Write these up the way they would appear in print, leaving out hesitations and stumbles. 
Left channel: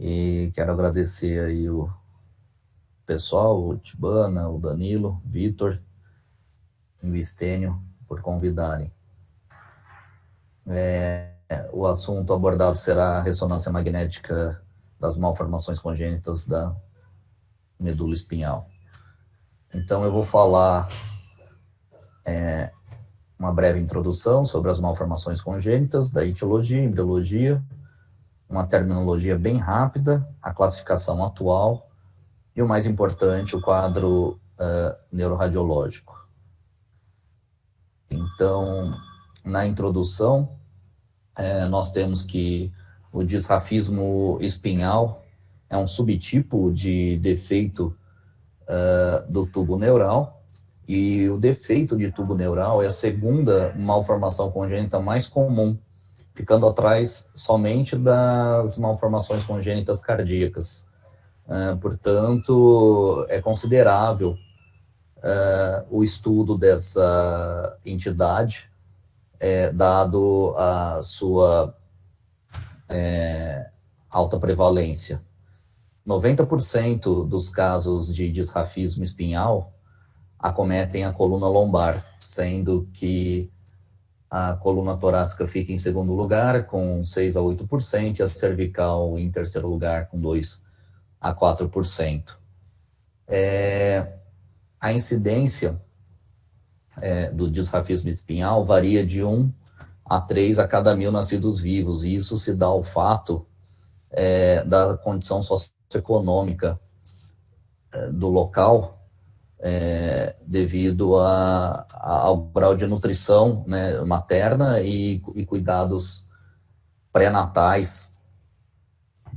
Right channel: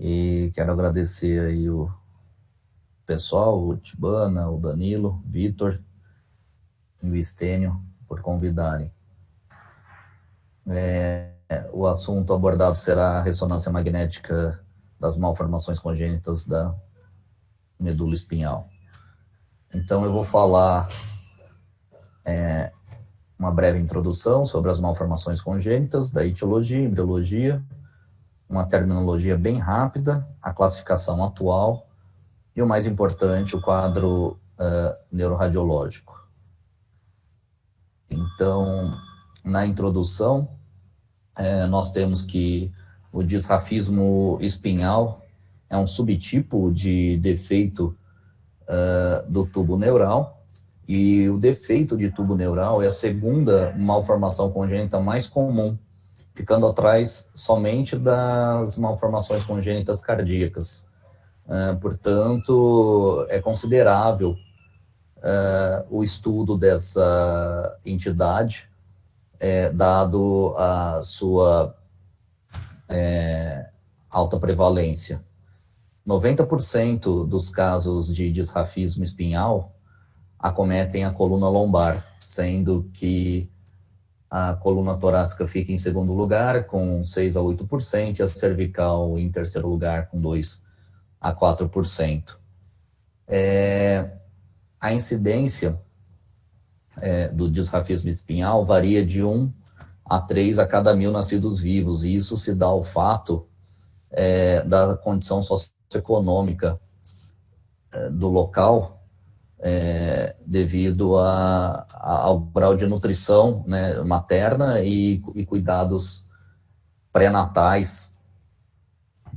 E quero agradecer aí o pessoal, o Tibana, o Danilo, o Vitor e o Estênio por convidarem. O assunto abordado será a ressonância magnética das malformações congênitas da medula espinhal. Então eu vou falar uma breve introdução sobre as malformações congênitas, da etiologia, embriologia, uma terminologia bem rápida, a classificação atual e, o mais importante, o quadro neuroradiológico. Então, na introdução, nós temos que o disrafismo espinhal é um subtipo de defeito do tubo neural, e o defeito de tubo neural é a segunda malformação congênita mais comum, ficando atrás somente das malformações congênitas cardíacas. Portanto, é considerável o estudo dessa entidade, dado a sua alta prevalência. 90% dos casos de disrafismo espinhal acometem a coluna lombar, sendo que a coluna torácica fica em segundo lugar, com 6 a 8%, e a cervical em terceiro lugar, com 2 a 4%. A incidência do disrafismo espinhal varia de 1 a 3 a cada 1.000 nascidos vivos, e isso se dá ao fato da condição socioeconômica do local, devido ao grau de nutrição, né, materna e cuidados pré-natais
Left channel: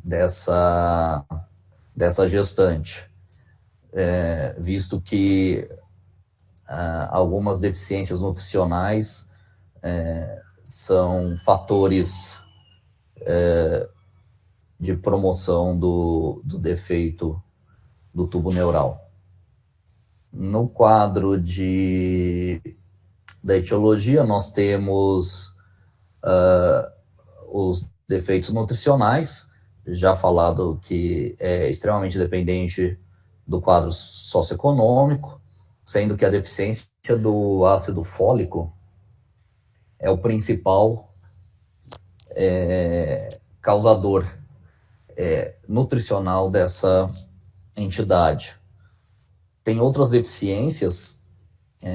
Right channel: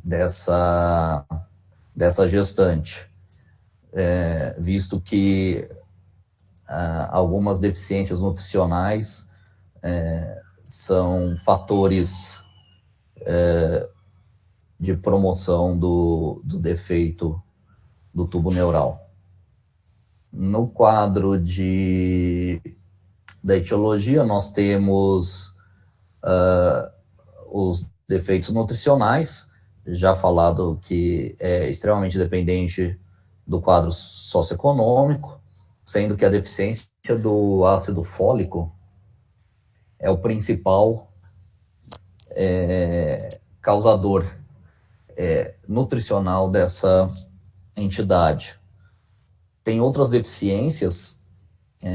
dessa gestante, visto que algumas deficiências nutricionais são fatores de promoção do defeito do tubo neural. No quadro da etiologia, nós temos os defeitos nutricionais, já falado que é extremamente dependente do quadro socioeconômico, sendo que a deficiência do ácido fólico é o principal causador nutricional dessa entidade. Tem outras deficiências que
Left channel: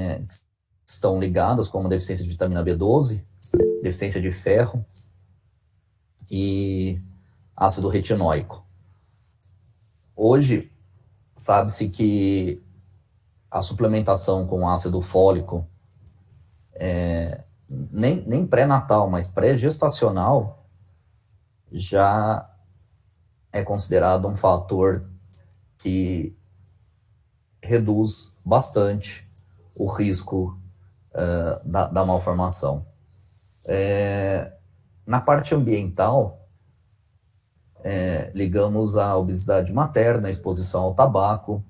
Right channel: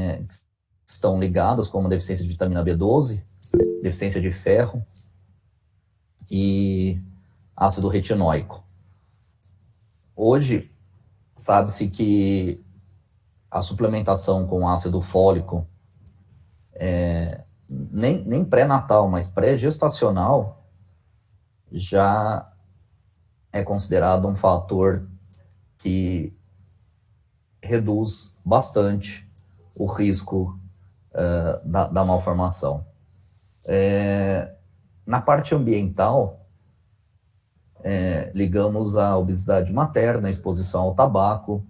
estão ligadas, como a deficiência de vitamina B12, deficiência de ferro e ácido retinóico. Hoje, sabe-se que a suplementação com ácido fólico, nem pré-natal, mas pré-gestacional, já é considerado um fator que reduz bastante o risco da malformação. Na parte ambiental, ligamos a obesidade materna, a exposição ao tabaco,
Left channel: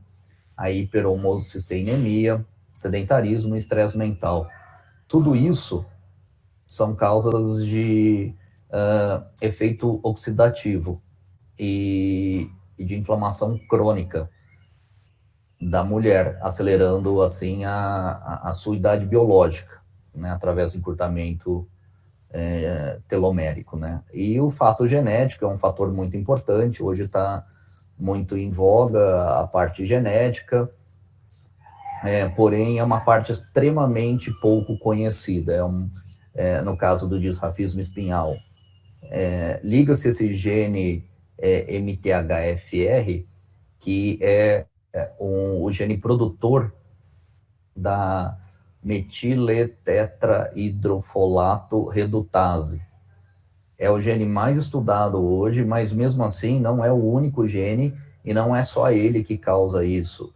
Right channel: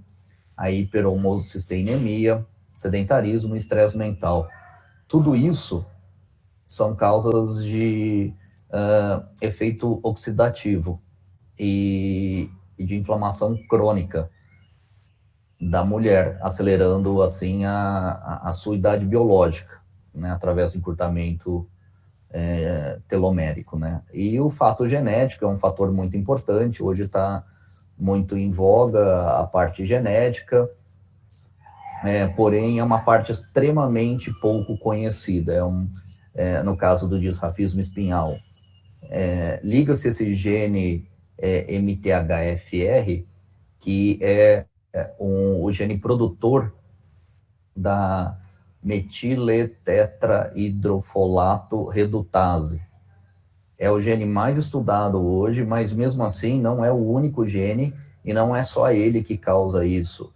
a hiperhomocisteinemia, sedentarismo e estresse mental. Tudo isso são causas de efeito oxidativo e de inflamação crônica da mulher, acelerando assim a sua idade biológica, né, através do encurtamento telomérico, né? E o fato genético é um fator muito importante. Hoje está muito em voga a parte genética, porém é uma parte extremamente pouco conhecida. No caso do disrafismo espinhal, liga-se esse gene MTHFR, que é o gene produtor da metiletetrahidrofolato redutase. É o gene mais estudado hoje, mas mesmo assim não é o único gene e não é só ele que causa isso.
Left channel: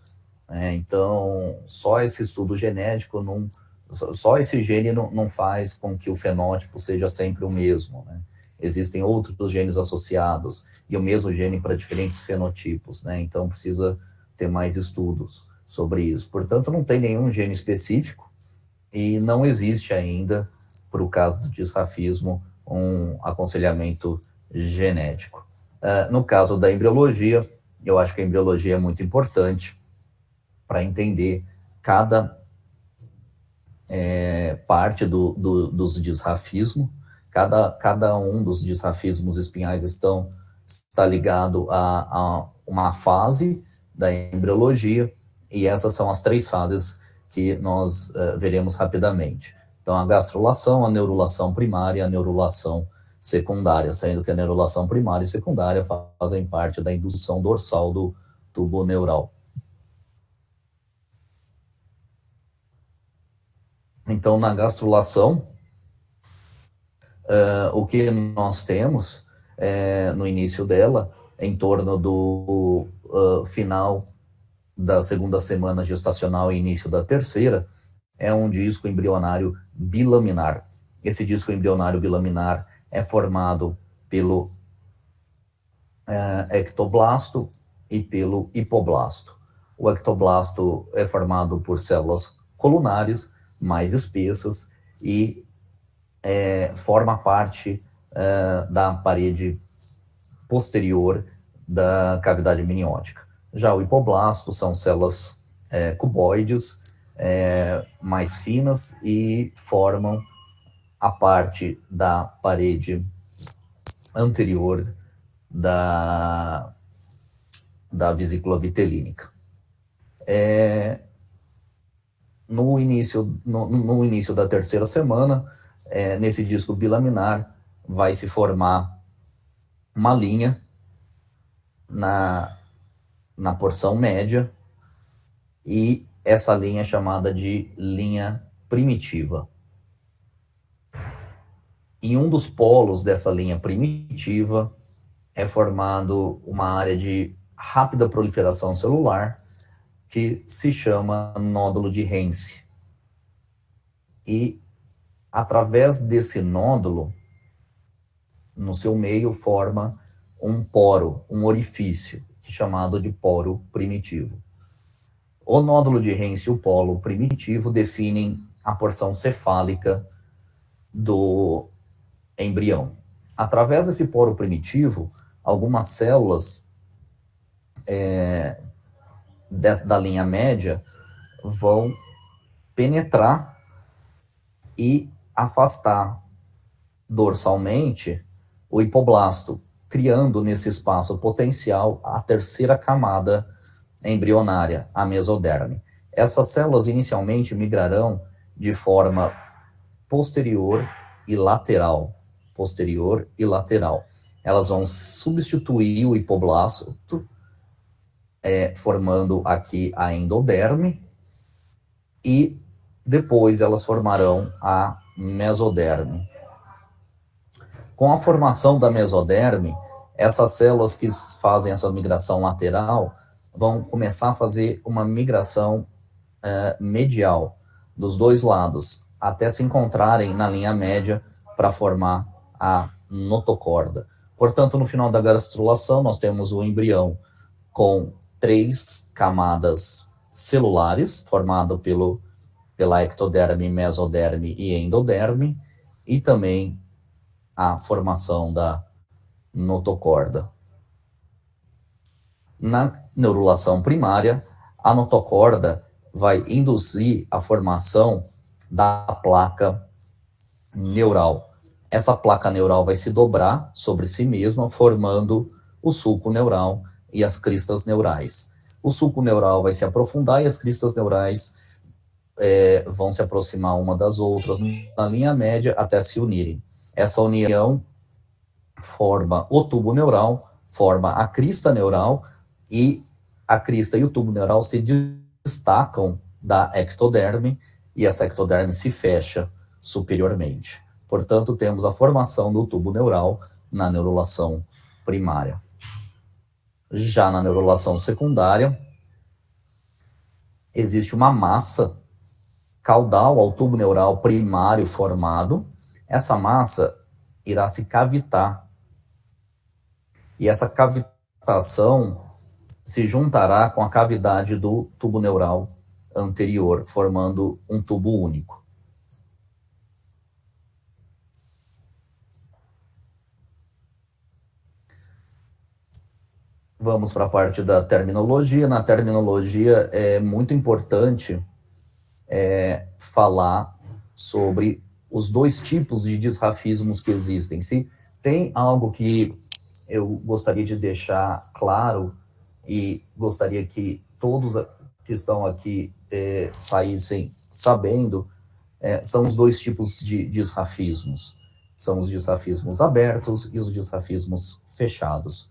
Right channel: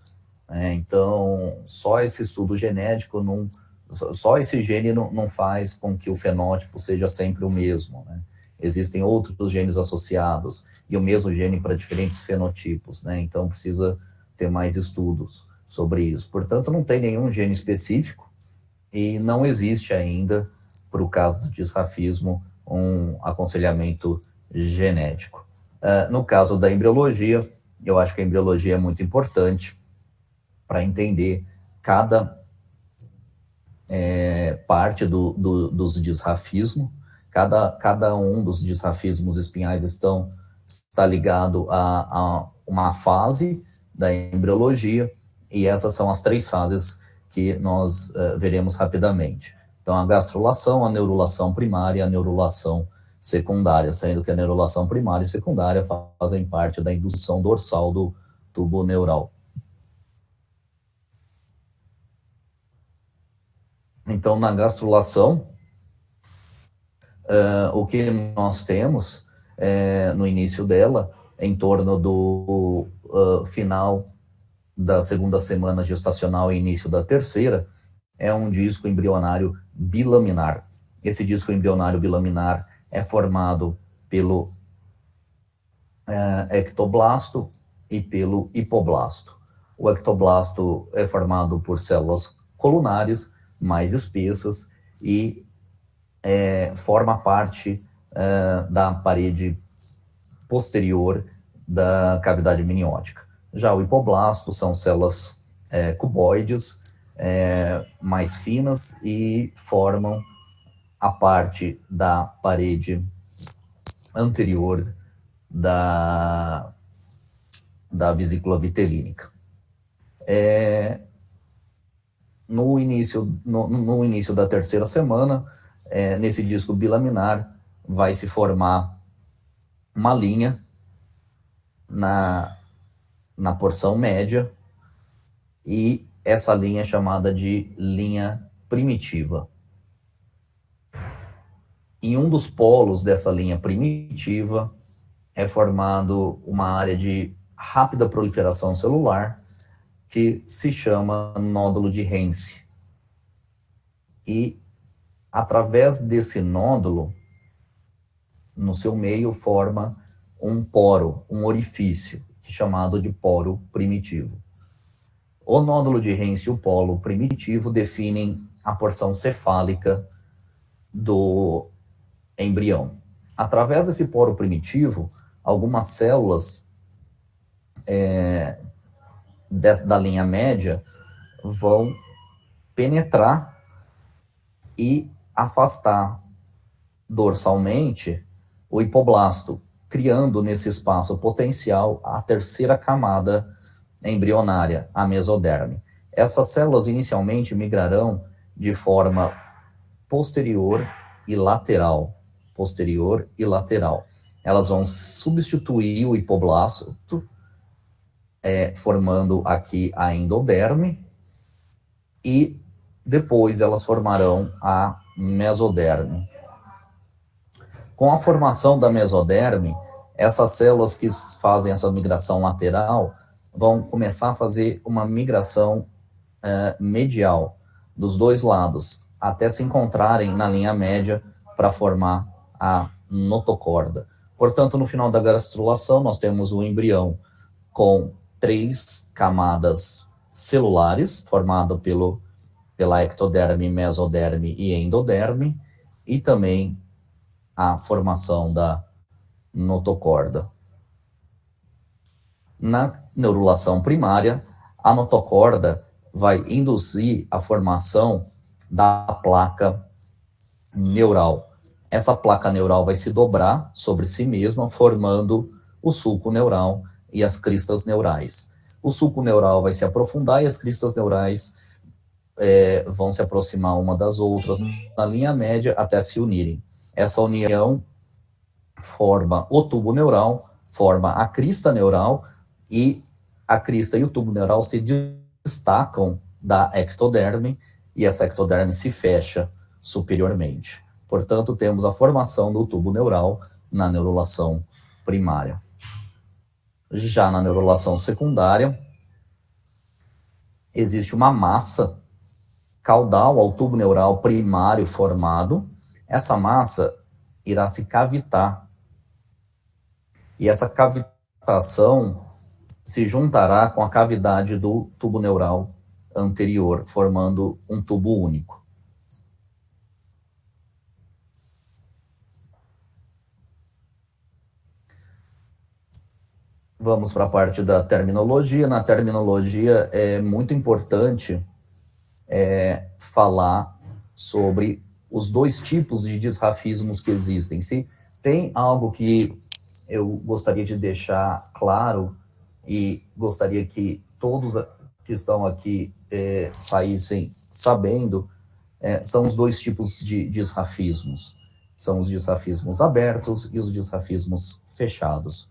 Então, só esse estudo genético, só esse gene não faz com que o fenótipo seja sempre o mesmo, né? Existem outros genes associados e o mesmo gene para diferentes fenotipos, né? Então, precisa ter mais estudos sobre isso. Portanto, não tem nenhum gene específico e não existe ainda, para o caso do disrafismo, um aconselhamento genético. No caso da embriologia, eu acho que a embriologia é muito importante para entender cada parte dos disrafismos. Cada um dos disrafismos espinhais está ligado a uma fase da embriologia, e essas são as 3 fases que nós veremos rapidamente. Então, a gastrulação, a neurulação primária e a neurulação secundária, sendo que a neurulação primária e secundária fazem parte da indução dorsal do tubo neural. Então, na gastrulação, o que nós temos no início dela, em torno do final da segunda semana gestacional e início da terceira, é um disco embrionário bilaminar. Esse disco embrionário bilaminar é formado pelo ectoblasto e pelo hipoblasto. O ectoblasto é formado por células colunares mais espessas e forma parte da parede posterior da cavidade amniótica. Já o hipoblasto são células cuboides, mais finas, e formam a parte da parede anterior da vesícula vitelínica. No início da terceira semana, nesse disco bilaminar, vai se formar uma linha na porção média, e essa linha é chamada de linha primitiva. Em um dos polos dessa linha primitiva é formado uma área de rápida proliferação celular que se chama nódulo de Hense. E através desse nódulo, no seu meio, forma um poro, um orifício, chamado de poro primitivo. O nódulo de Hense e o polo primitivo definem a porção cefálica do embrião. Através desse poro primitivo, algumas células da linha média vão penetrar e afastar dorsalmente o hipoblasto, criando nesse espaço potencial a terceira camada embrionária, a mesoderme. Essas células inicialmente migrarão de forma posterior e lateral. Elas vão substituir o hipoblasto, formando aqui a endoderme, e depois elas formarão a mesoderme. Com a formação da mesoderme, essas células que fazem essa migração lateral vão começar a fazer uma migração medial dos dois lados, até se encontrarem na linha média para formar a notocorda. Portanto, no final da gastrulação, nós temos o embrião com 3 camadas celulares, formado pela ectoderme, mesoderme e endoderme, e também a formação da notocorda. Na neurulação primária, a notocorda vai induzir a formação da placa neural. Essa placa neural vai se dobrar sobre si mesma, formando o sulco neural e as cristas neurais. O sulco neural vai se aprofundar e as cristas neurais vão se aproximar uma das outras na linha média até se unirem. Essa união forma o tubo neural, forma a crista neural, e a crista e o tubo neural se destacam da ectoderme, e essa ectoderme se fecha superiormente. Portanto, temos a formação do tubo neural na neurulação primária. Já na neurulação secundária, existe uma massa caudal ao tubo neural primário formado. Essa massa irá se cavitar, e essa cavitação se juntará com a cavidade do tubo neural anterior, formando um tubo único. Vamos para a parte da terminologia. Na terminologia é muito importante falar sobre os dois tipos de disrafismos que existem. Se tem algo que eu gostaria de deixar claro e gostaria que todos que estão aqui saíssem sabendo, são os dois tipos de disrafismos. São os disrafismos abertos e os disrafismos fechados.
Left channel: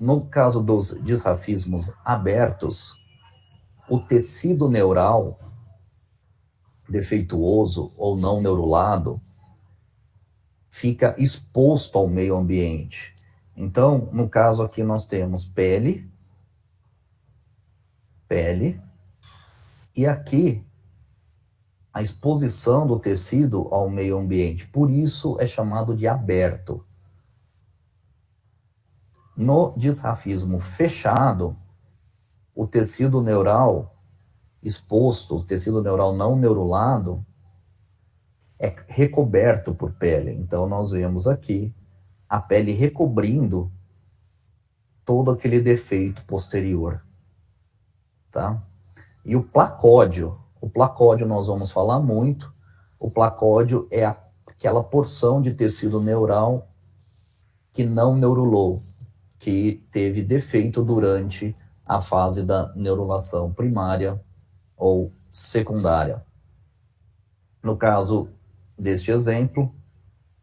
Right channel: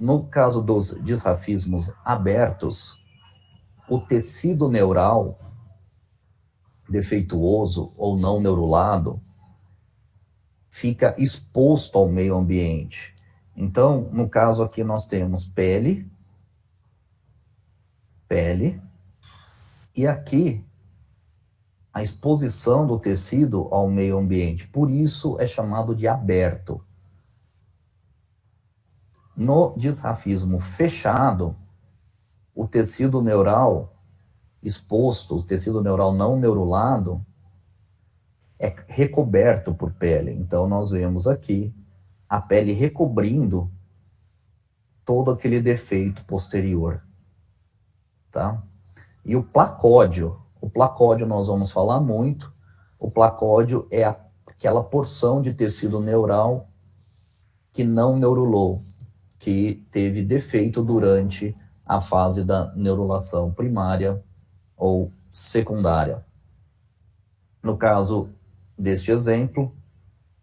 No caso dos disrafismos abertos, o tecido neural defeituoso ou não neurulado fica exposto ao meio ambiente. Então, no caso aqui nós temos pele, e aqui a exposição do tecido ao meio ambiente. Por isso é chamado de aberto. No disrafismo fechado, o tecido neural exposto, o tecido neural não neurulado, é recoberto por pele. Então, nós vemos aqui a pele recobrindo todo aquele defeito posterior, tá? E o placódio nós vamos falar muito. O placódio é aquela porção de tecido neural que não neurulou, que teve defeito durante a fase da neurulação primária ou secundária. No caso deste exemplo,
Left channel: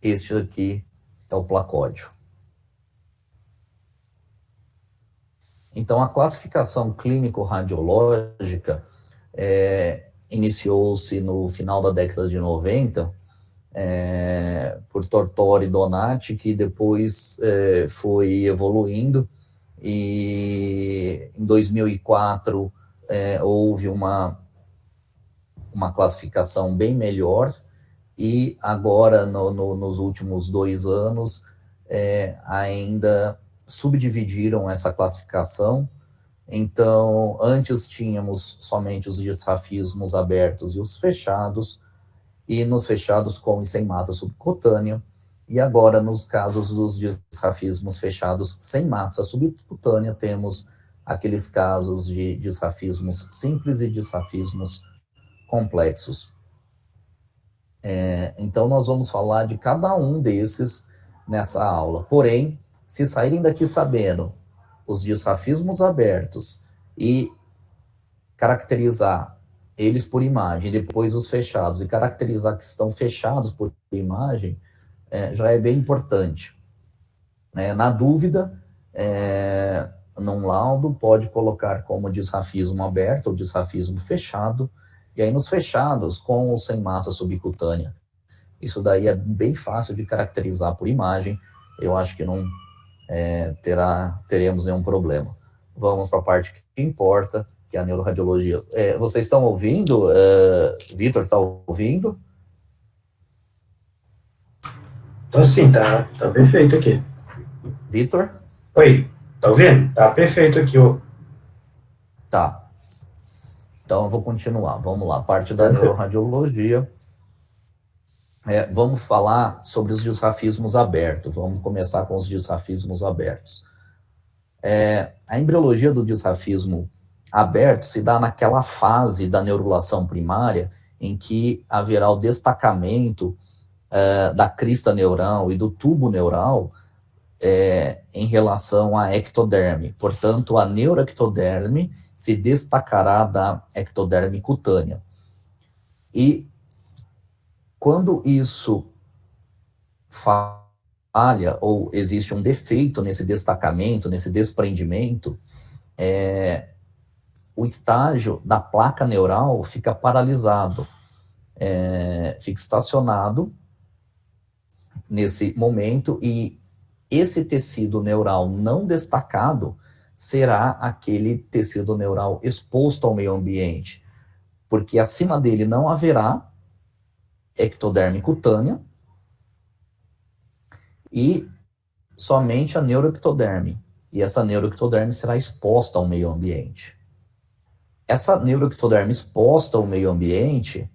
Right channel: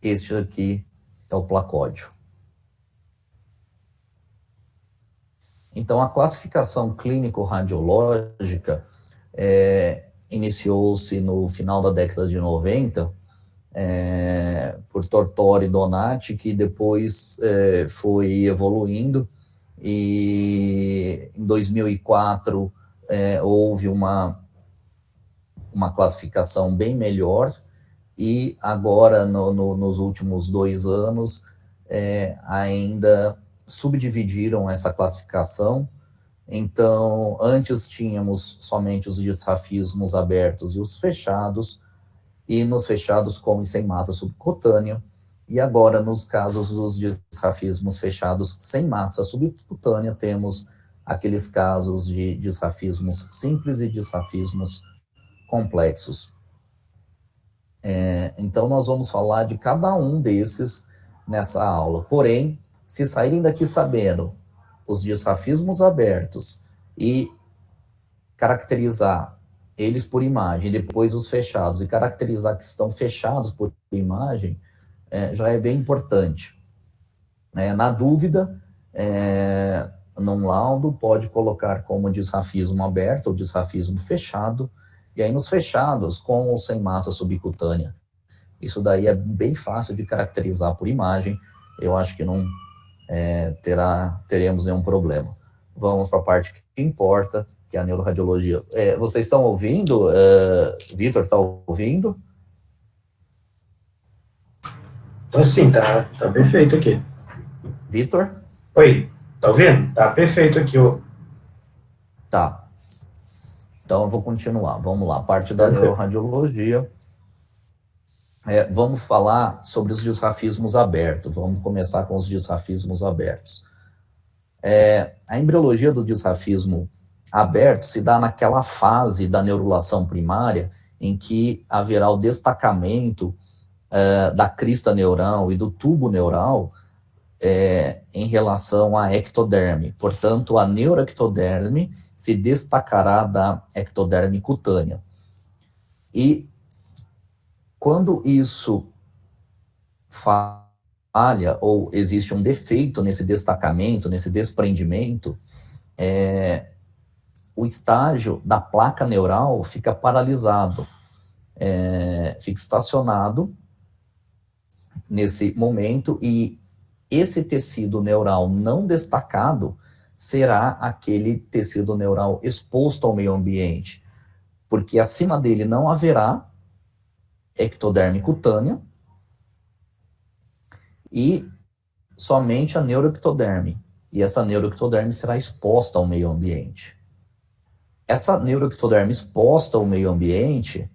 este aqui é o placódio. Então, a classificação clínico-radiológica iniciou-se no final da década de 90 por Tortori e Donati, que depois foi evoluindo, e em 2004 houve uma classificação bem melhor, e agora, nos últimos 2 anos, ainda subdividiram essa classificação. Então, antes tínhamos somente os disrafismos abertos e os fechados, e nos fechados com e sem massa subcutânea, e agora, nos casos dos disrafismos fechados sem massa subcutânea, temos aqueles casos de disrafismos simples e disrafismos complexos. Então, nós vamos falar de cada um desses nessa aula. Porém, se saírem daqui sabendo os disrafismos abertos e caracterizar eles por imagem, depois os fechados, e caracterizar que estão fechados por imagem, já é bem importante. Na dúvida, num laudo, pode colocar como disrafismo aberto ou disrafismo fechado, e aí nos fechados, com ou sem massa subcutânea. Isso daí é bem fácil de caracterizar por imagem, eu acho que não teremos nenhum problema. Vamos para a parte que importa, que é a neuroradiologia. Vocês estão ouvindo? Vitor, está ouvindo? Então, sim, tá perfeito aqui. Vitor? Oi, tá ouvindo? Tá perfeito aqui, ó. Tá. Então, eu vou continuar. Vamos lá, parte da neuroradiologia. Vamos falar sobre os disrafismos abertos. Vamos começar com os disrafismos abertos. A embriologia do disrafismo aberto se dá naquela fase da neurulação primária em que haverá o destacamento da crista neural e do tubo neural em relação à ectoderme. Portanto, a neuroectoderme se destacará da ectoderme cutânea. E quando isso falha ou existe um defeito nesse destacamento, nesse desprendimento, o estágio da placa neural fica paralisado, fica estacionado nesse momento, e esse tecido neural não destacado será aquele tecido neural exposto ao meio ambiente, porque acima dele não haverá ectoderme cutânea e somente a neuroectoderme. E essa neuroectoderme será exposta ao meio ambiente. Essa neuroectoderme exposta ao meio ambiente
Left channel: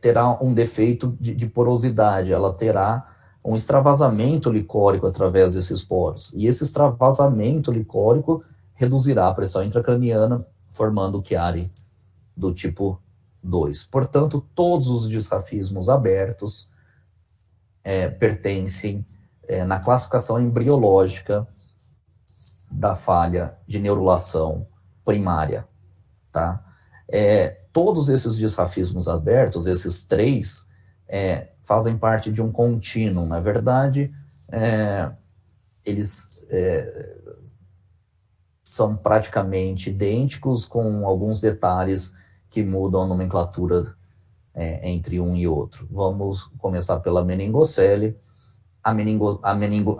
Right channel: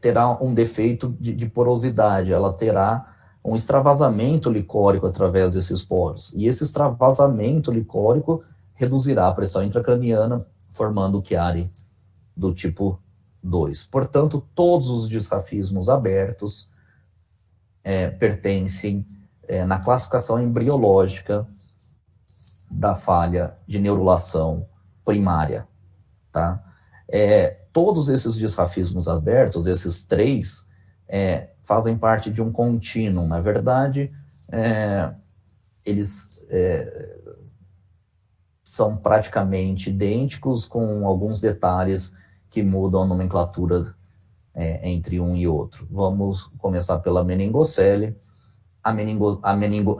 terá um defeito de porosidade, ela terá um extravasamento licórico através desses poros. E esse extravasamento licórico reduzirá a pressão intracraniana, formando o Chiari do tipo 2. Portanto, todos os disrafismos abertos pertencem na classificação embriológica da falha de neurulação primária. Tá? Todos esses disrafismos abertos, esses 3, fazem parte de um contínuo. Na verdade, eles são praticamente idênticos, com alguns detalhes que mudam a nomenclatura entre um e outro. Vamos começar pela meningocele. A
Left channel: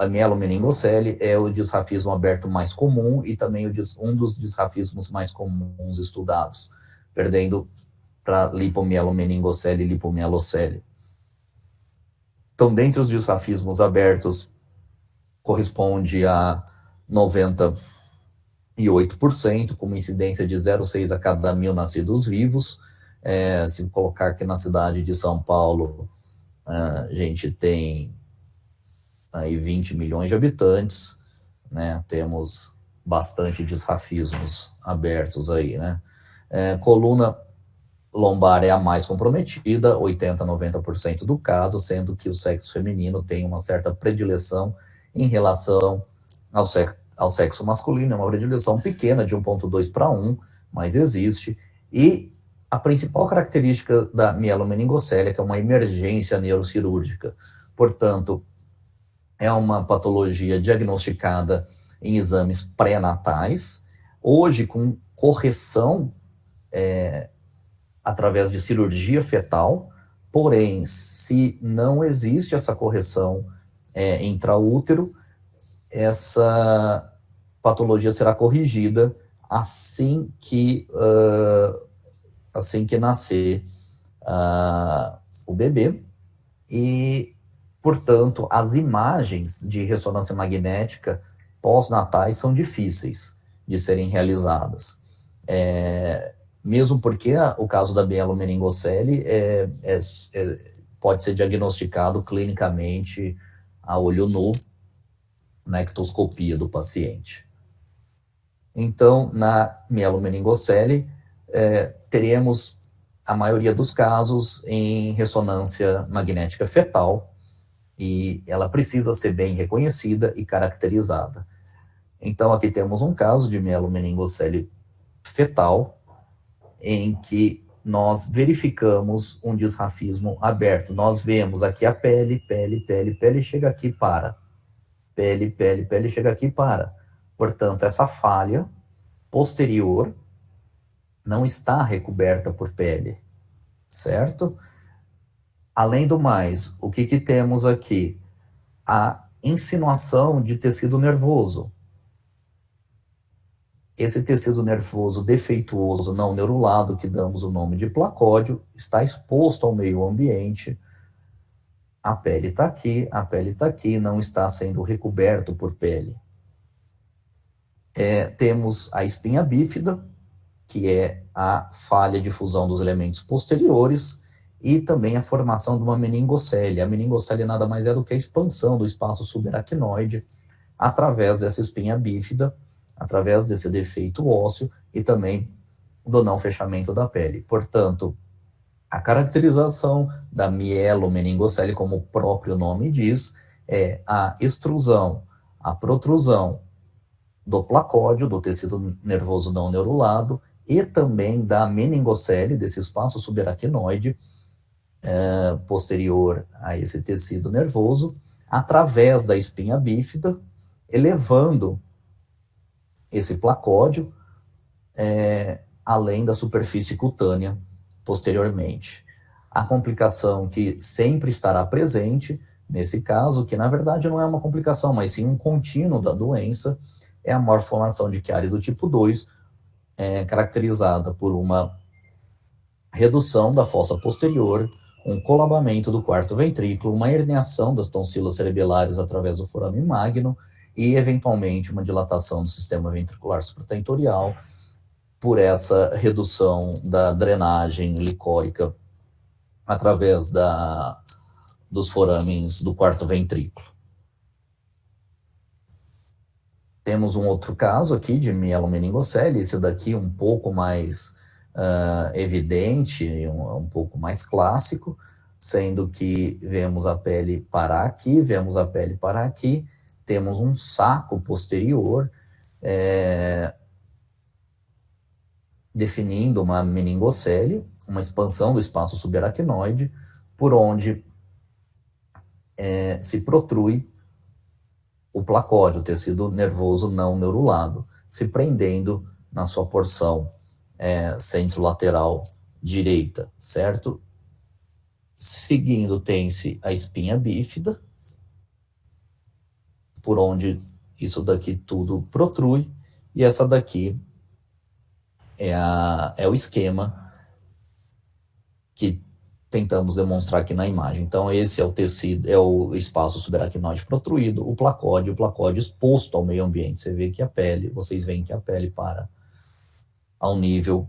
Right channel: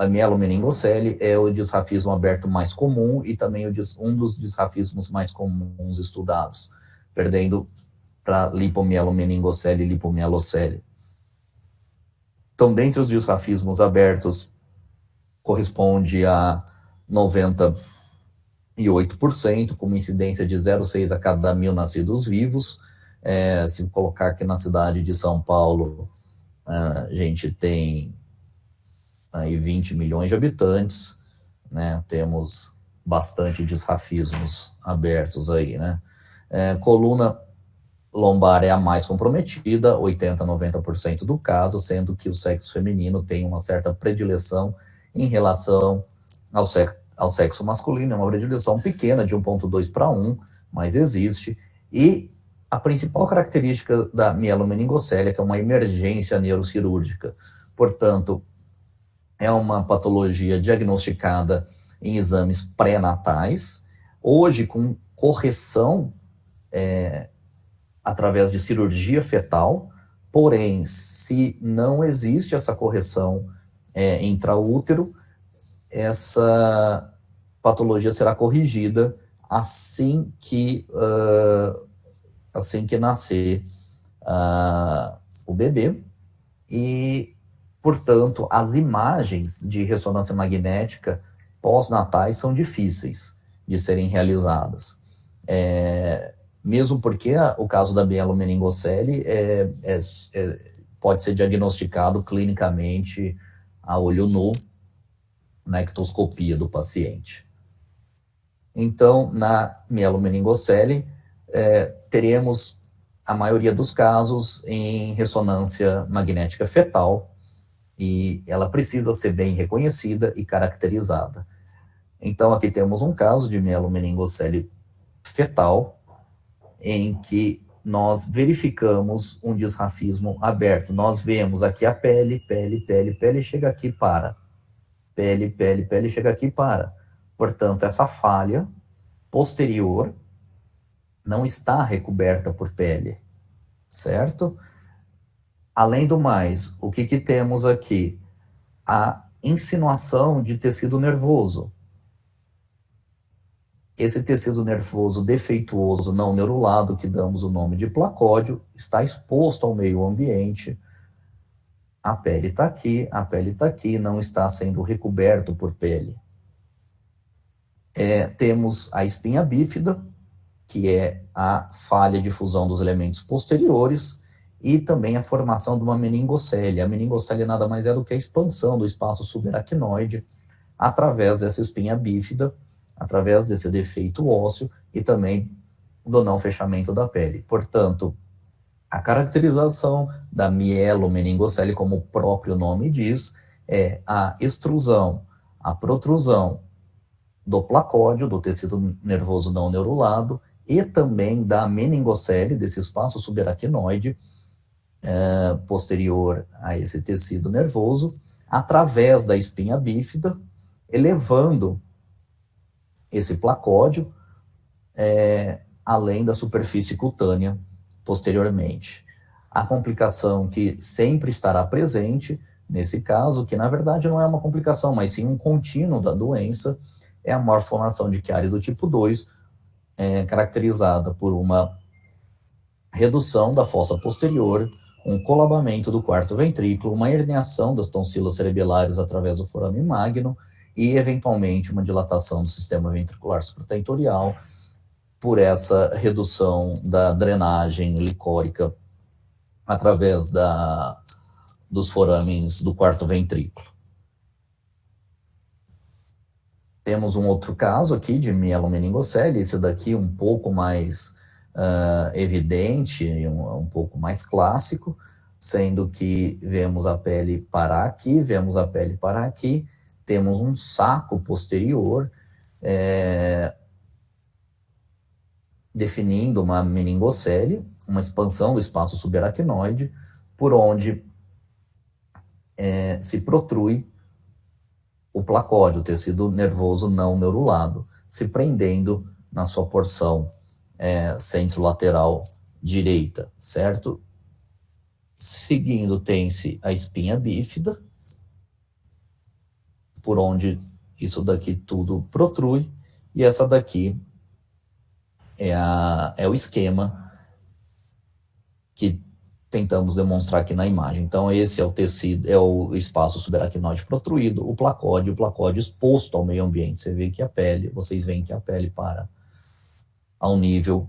mielomeningocele é o disrafismo aberto mais comum e também um dos disrafismos mais comuns estudados, perdendo para lipomielomeningocele e lipomielocele. Então, dentre os disrafismos abertos, corresponde a 98%, com uma incidência de 0,6 a cada 1.000 nascidos vivos. Se colocar aqui na cidade de São Paulo, a gente tem aí 20 milhões de habitantes, né? Temos bastante disrafismos abertos aí, né? Coluna lombar é a mais comprometida, 80% a 90% do caso, sendo que o sexo feminino tem uma certa predileção em relação ao sexo masculino, é uma predileção pequena, de 1,2 para 1, mas existe. E a principal característica da mielomeningocele é que é uma emergência neurocirúrgica. Portanto, é uma patologia diagnosticada em exames pré-natais, hoje com correção através de cirurgia fetal, porém, se não existe essa correção intraútero, essa patologia será corrigida assim que nascer o bebê, e, portanto, as imagens de ressonância magnética pós-natais são difíceis de serem realizadas. Mesmo porque o caso da mielomeningocele pode ser diagnosticado clinicamente a olho nu, na ectoscopia do paciente. Então, na mielomeningocele, teremos a maioria dos casos em ressonância magnética fetal, e ela precisa ser bem reconhecida e caracterizada. Então, aqui temos um caso de mielomeningocele fetal, em que nós verificamos um disrafismo aberto. Nós vemos aqui a pele, chega aqui, para. Pele, chega aqui, para. Portanto, essa falha posterior não está recoberta por pele, certo? Além do mais, o que temos aqui? A insinuação de tecido nervoso. Esse tecido nervoso defeituoso não neurulado, que damos o nome de placódio, está exposto ao meio ambiente. A pele está aqui, não está sendo recoberto por pele. Temos a espinha bífida, que é a falha de fusão dos elementos posteriores, e também a formação de uma meningocele. A meningocele nada mais é do que a expansão do espaço subaracnoide através dessa espinha bífida, através desse defeito ósseo e também do não fechamento da pele. Portanto, a caracterização da mielomeningocele, como o próprio nome diz, é a extrusão, a protrusão do placódio, do tecido nervoso não neurulado, e também da meningocele, desse espaço subaracnoide posterior a esse tecido nervoso, através da espinha bífida, elevando esse placódio além da superfície cutânea posteriormente. A complicação que sempre estará presente, nesse caso, que na verdade não é uma complicação, mas sim um contínuo da doença, é a malformação de Chiari do tipo 2, caracterizada por uma redução da fossa posterior, um colabamento do quarto ventrículo, uma herniação das tonsilas cerebelares através do forame magno e, eventualmente, uma dilatação do sistema ventricular supratentorial por essa redução da drenagem licórica através dos forames do quarto ventrículo. Temos um outro caso aqui de mielomeningocele, esse daqui um pouco mais evidente, um pouco mais clássico, sendo que vemos a pele parar aqui, vemos a pele parar aqui, temos um saco posterior, definindo uma meningocele, uma expansão do espaço subaracnoide, por onde se protrui o placóide, o tecido nervoso não neurulado, se prendendo na sua porção centrolateral direita, certo? Seguindo, tem-se a espinha bífida, por onde isso daqui tudo protrui, e essa daqui é o esquema que tentamos demonstrar aqui na imagem. Então, esse é o tecido, é o espaço subaracnoide protruído, o placóide exposto ao meio ambiente. Você vê que a pele, vocês veem que a pele para ao nível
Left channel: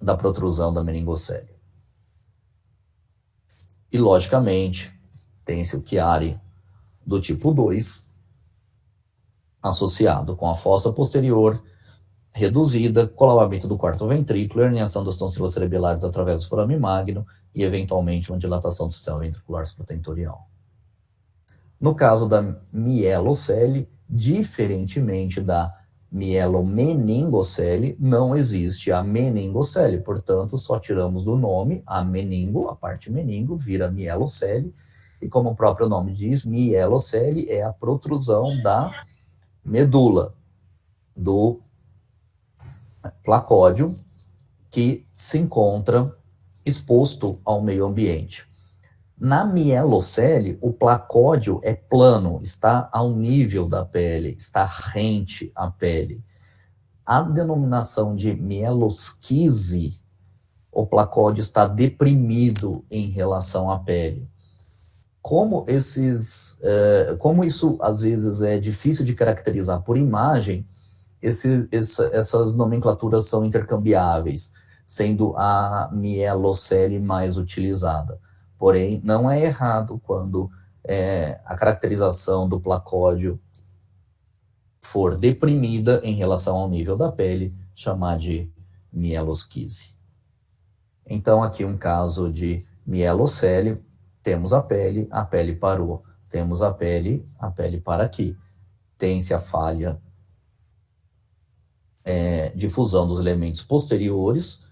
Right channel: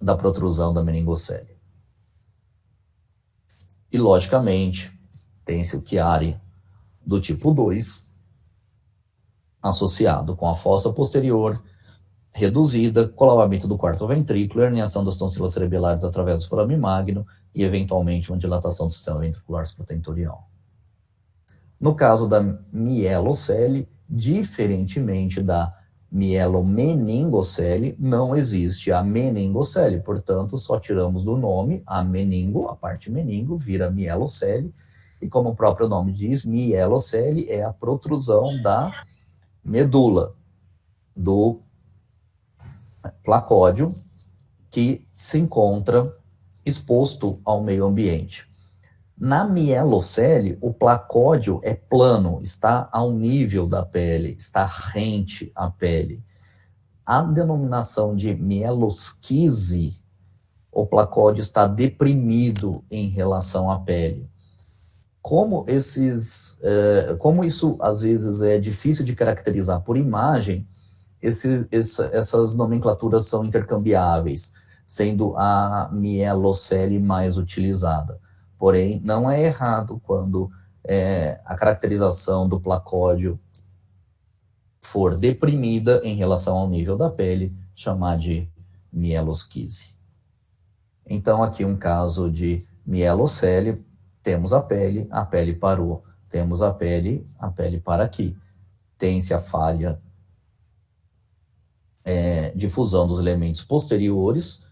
da protrusão da meningocele. E, logicamente, tem-se o Chiari do tipo 2, associado com a fossa posterior reduzida, colapsamento do quarto ventrículo, herniação das tonsilas cerebelares através do forame magno e, eventualmente, uma dilatação do sistema ventricular supratentorial. No caso da mielocele, diferentemente da mielomeningocele, não existe a meningocele, portanto, só tiramos do nome a meningo, a parte meningo, vira mielocele, e como o próprio nome diz, mielocele é a protrusão da medula, do placódio, que se encontra exposto ao meio ambiente. Na mielocele, o placódio é plano, está ao nível da pele, está rente à pele. A denominação de mielosquise, o placódio está deprimido em relação à pele. Como isso às vezes é difícil de caracterizar por imagem, essas nomenclaturas são intercambiáveis, sendo a mielocele mais utilizada. Porém, não é errado quando a caracterização do placódio for deprimida em relação ao nível da pele, chamar de mielosquise. Então, aqui um caso de mielocele, temos a pele parou. Temos a pele para aqui. Tem-se a falha de fusão dos elementos posteriores,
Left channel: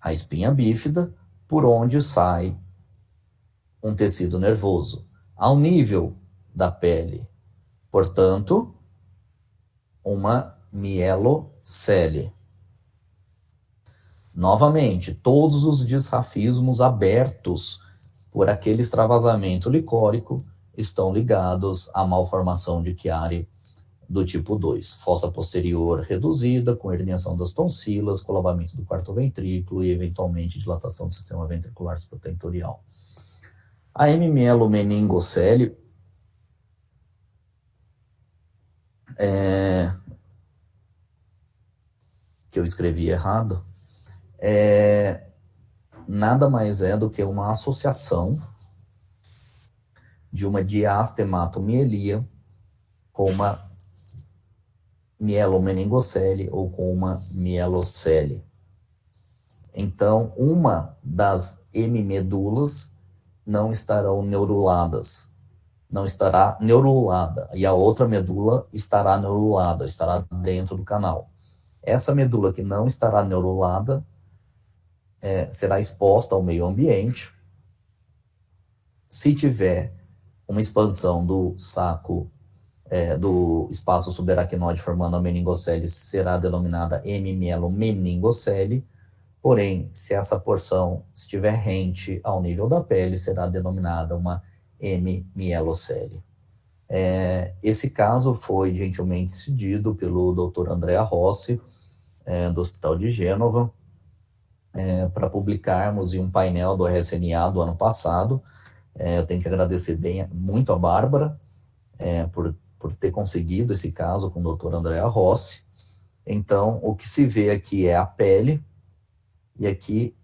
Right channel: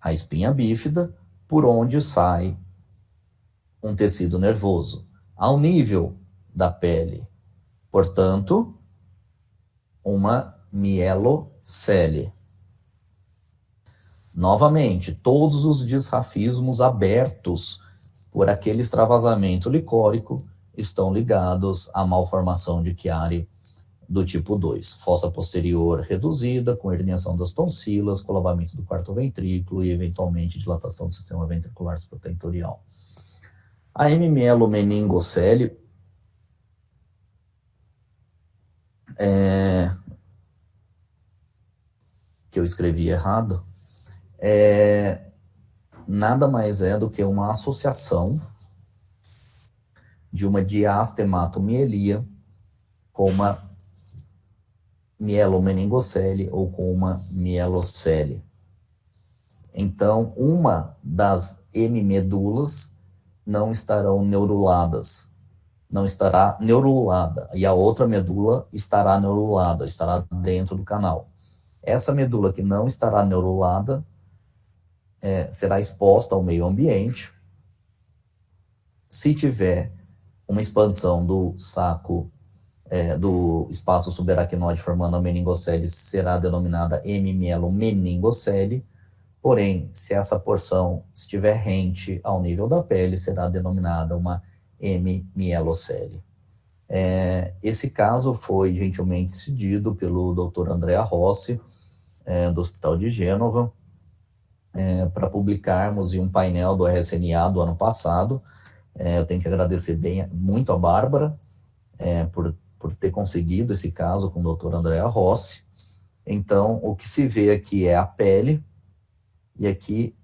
a espinha bífida, por onde sai um tecido nervoso, ao nível da pele. Portanto, uma mielocele. Novamente, todos os disrafismos abertos por aquele extravasamento licórico estão ligados à malformação de Chiari do tipo 2, fossa posterior reduzida, com herniação das tonsilas, colapsamento do quarto ventrículo e, eventualmente, dilatação do sistema ventricular supratentorial. A mielomeningocele que eu escrevi errado, nada mais é do que uma associação de uma diastematomelia com uma mielomeningocele ou com uma mielocele. Então, uma das hemimedulas não estarão neuruladas, não estará neurulada, e a outra medula estará neurulada, estará dentro do canal. Essa medula que não estará neurulada será exposta ao meio ambiente. Se tiver uma expansão do saco do espaço subaracnoide formando a meningocele, será denominada hemimielomeningocele. Porém, se essa porção estiver rente ao nível da pele, será denominada uma hemimielocele. Esse caso foi gentilmente cedido pelo Dr. Andrea Rossi, do Hospital de Gênova, para publicarmos em um painel do RSNA do ano passado. Eu tenho que agradecer muito a Bárbara por ter conseguido esse caso com o Dr. Andrea Rossi. Então, o que se vê aqui é a pele, e aqui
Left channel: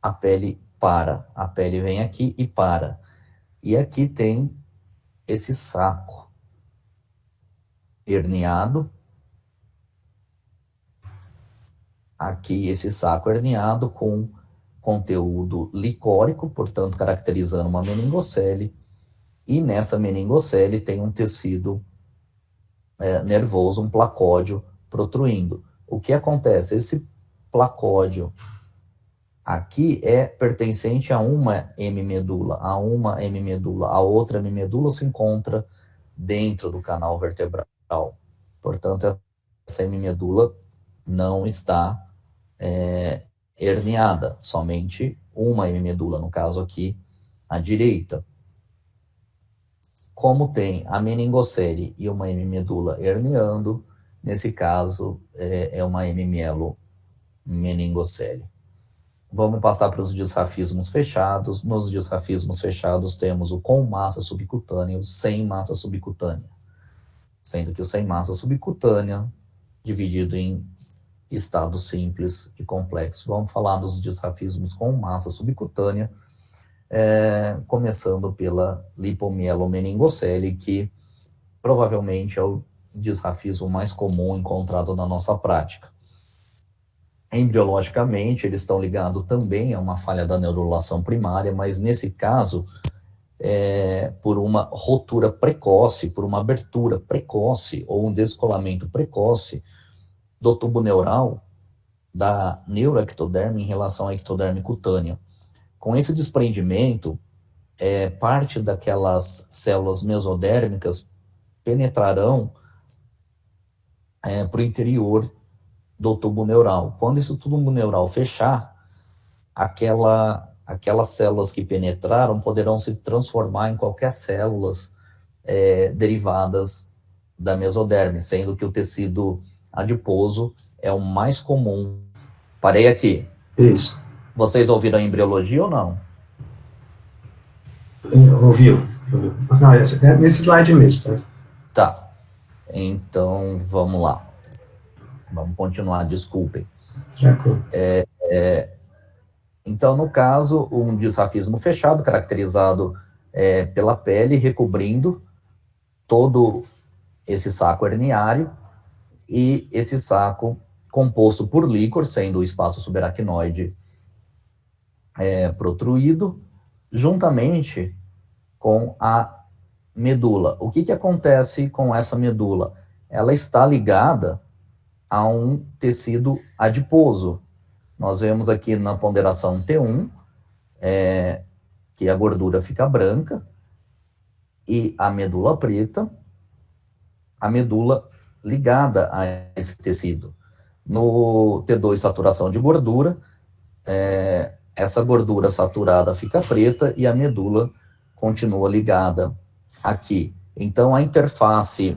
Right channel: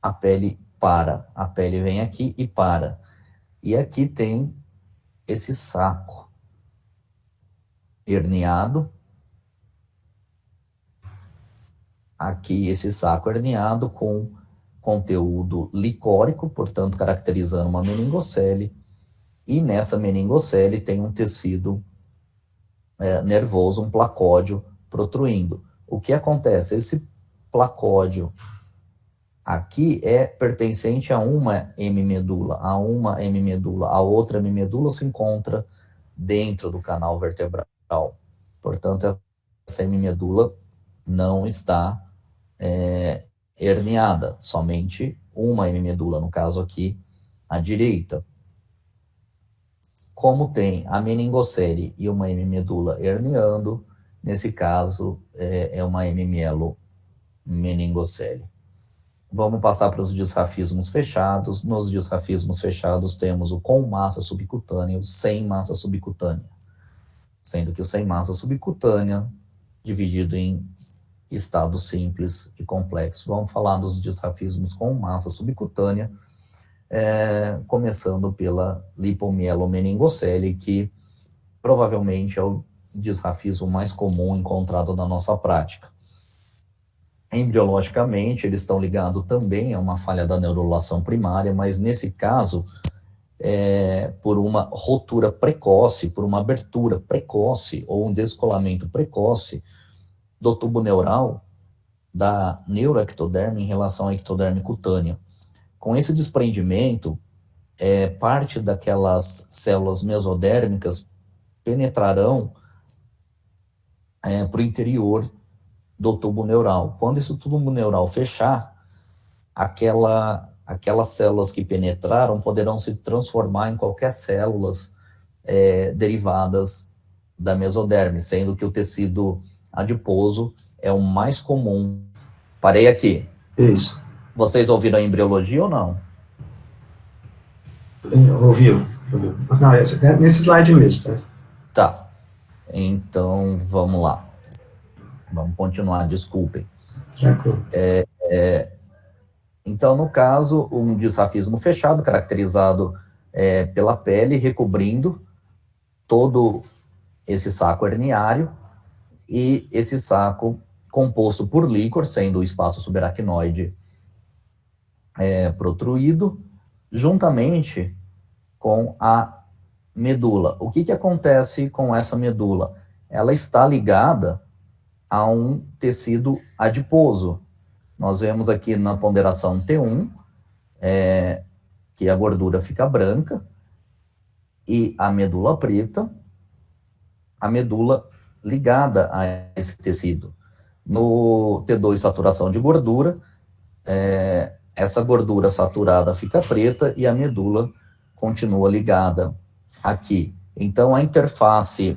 a pele para. A pele vem aqui e para. E aqui tem esse saco herniado. Aqui esse saco herniado com conteúdo licórico, portanto caracterizando uma meningocele. E nessa meningocele tem um tecido nervoso, um placódio protruindo. O que acontece? Esse placódio aqui é pertencente a uma hemimedula, a outra hemimedula se encontra dentro do canal vertebral. Portanto, essa hemimedula não está herniada, somente uma hemimedula, no caso aqui, à direita. Como tem a meningocele e uma hemimedula herniando, nesse caso é uma hemimielo meningocele. Vamos passar para os disrafismos fechados. Nos disrafismos fechados temos o com massa subcutânea e o sem massa subcutânea, sendo que o sem massa subcutânea dividido em estados simples e complexos. Vamos falar dos disrafismos com massa subcutânea, começando pela lipomielo-meningocele, que provavelmente é o disrafismo mais comum encontrado na nossa prática. Embriologicamente, eles estão ligados também a uma falha da neurulação primária, mas nesse caso, por uma rotura precoce, por uma abertura precoce ou um descolamento precoce do tubo neural da neuroectoderme em relação à ectoderme cutânea. Com esse desprendimento, parte daquelas células mesodérmicas penetrarão para o interior do tubo neural. Quando esse tubo neural fechar, aquelas células que penetraram poderão se transformar em qualquer células derivadas da mesoderme, sendo que o tecido adiposo é o mais comum. Parei aqui. Isso. Vocês ouviram a embriologia ou não? Ouviu. Não, nesse slide mesmo. Tá. Então, vamos lá. Vamos continuar, desculpem. Tranquilo. Então, no caso, um disrafismo fechado, caracterizado pela pele, recobrindo todo esse saco herniário, e esse saco composto por líquor, sendo o espaço subaracnoide protruído, juntamente com a medula. O que acontece com essa medula? Ela está ligada a um tecido adiposo. Nós vemos aqui na ponderação T1, que a gordura fica branca, e a medula preta, a medula ligada a esse tecido. No T2, saturação de gordura, essa gordura saturada fica preta e a medula continua ligada aqui. Então, a interface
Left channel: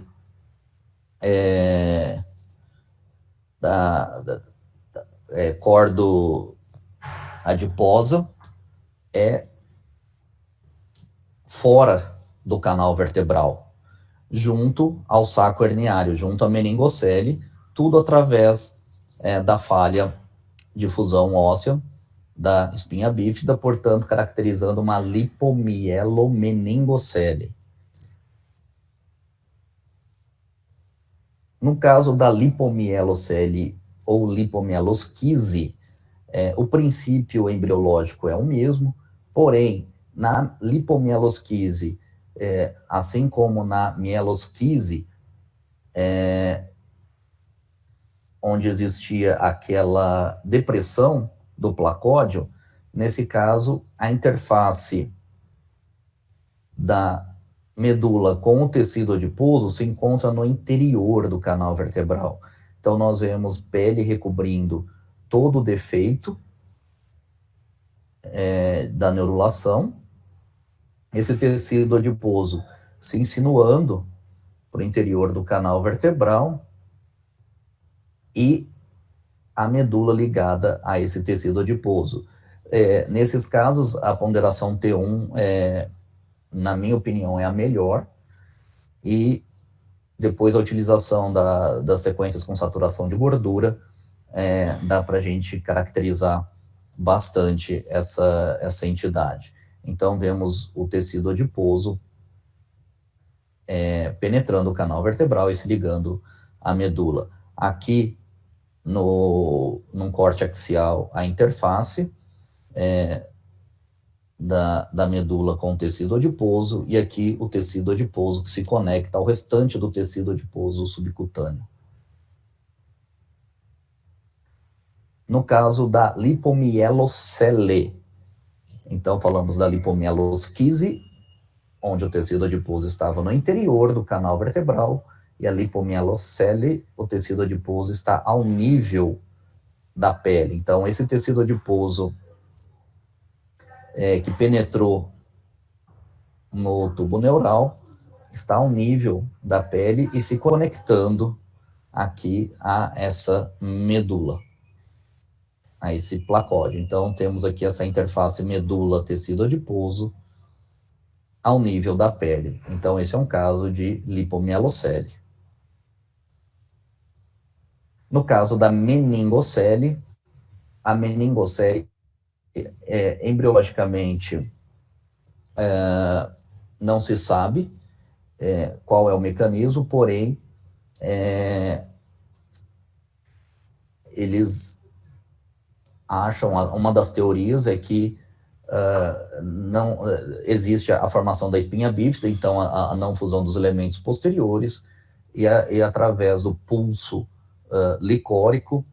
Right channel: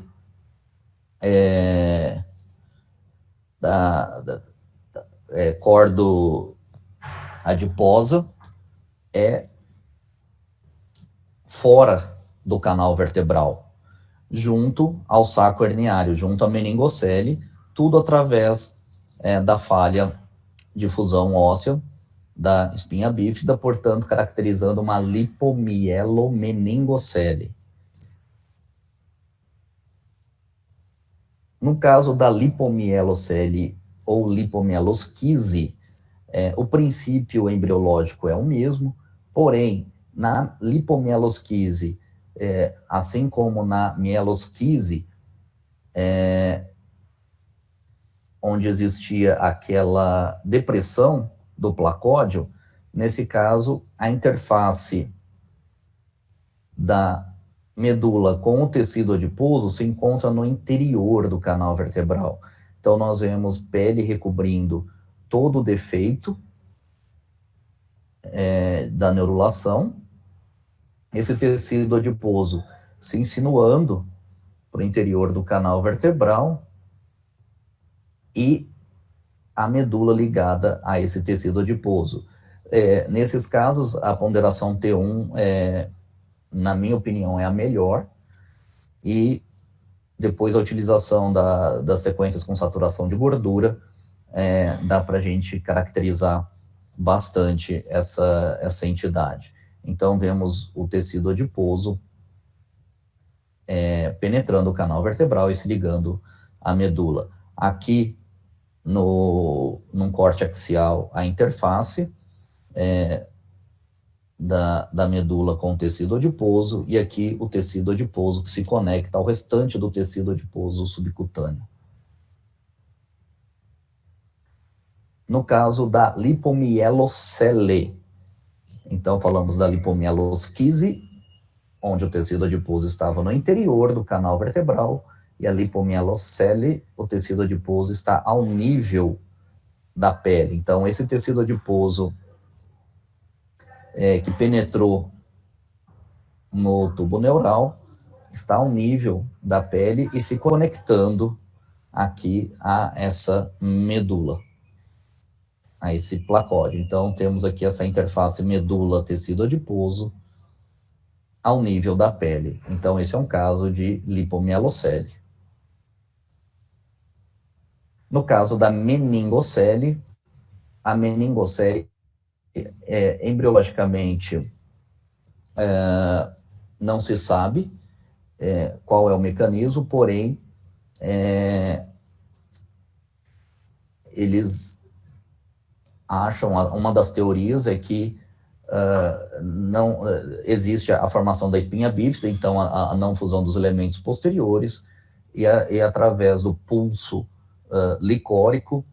cordo adiposa é fora do canal vertebral, junto ao saco herniário, junto à meningocele, tudo através da falha de fusão óssea da espinha bífida, portanto, caracterizando uma lipomielomeningocele. No caso da lipomielocele ou lipomielosquise, o princípio embriológico é o mesmo, porém, na lipomielosquise, assim como na mielosquise, onde existia aquela depressão do placódio, nesse caso, a interface da medula com o tecido adiposo se encontra no interior do canal vertebral. Então, nós vemos pele recobrindo todo o defeito da neurulação, esse tecido adiposo se insinuando para o interior do canal vertebral e a medula ligada a esse tecido adiposo. Nesses casos, a ponderação T1, na minha opinião, é a melhor, e depois a utilização das sequências com saturação de gordura, dá para a gente caracterizar bastante essa entidade. Então, vemos o tecido adiposo penetrando o canal vertebral e se ligando à medula. Aqui, num corte axial, a interface da medula com o tecido adiposo, e aqui o tecido adiposo que se conecta ao restante do tecido adiposo subcutâneo. No caso da lipomielocele, então falamos da lipomielosquise, onde o tecido adiposo estava no interior do canal vertebral, e a lipomielocele, o tecido adiposo está ao nível da pele. Então, esse tecido adiposo que penetrou no tubo neural está ao nível da pele e se conectando aqui a essa medula, a esse placóide. Então, temos aqui essa interface medula-tecido adiposo ao nível da pele. Então, esse é um caso de lipomielocele. No caso da meningocele, a meningocele, embriologicamente, não se sabe qual é o mecanismo, porém, eles acham, uma das teorias é que não existe a formação da espinha bífida, então a não fusão dos elementos posteriores, e através do pulso licórico,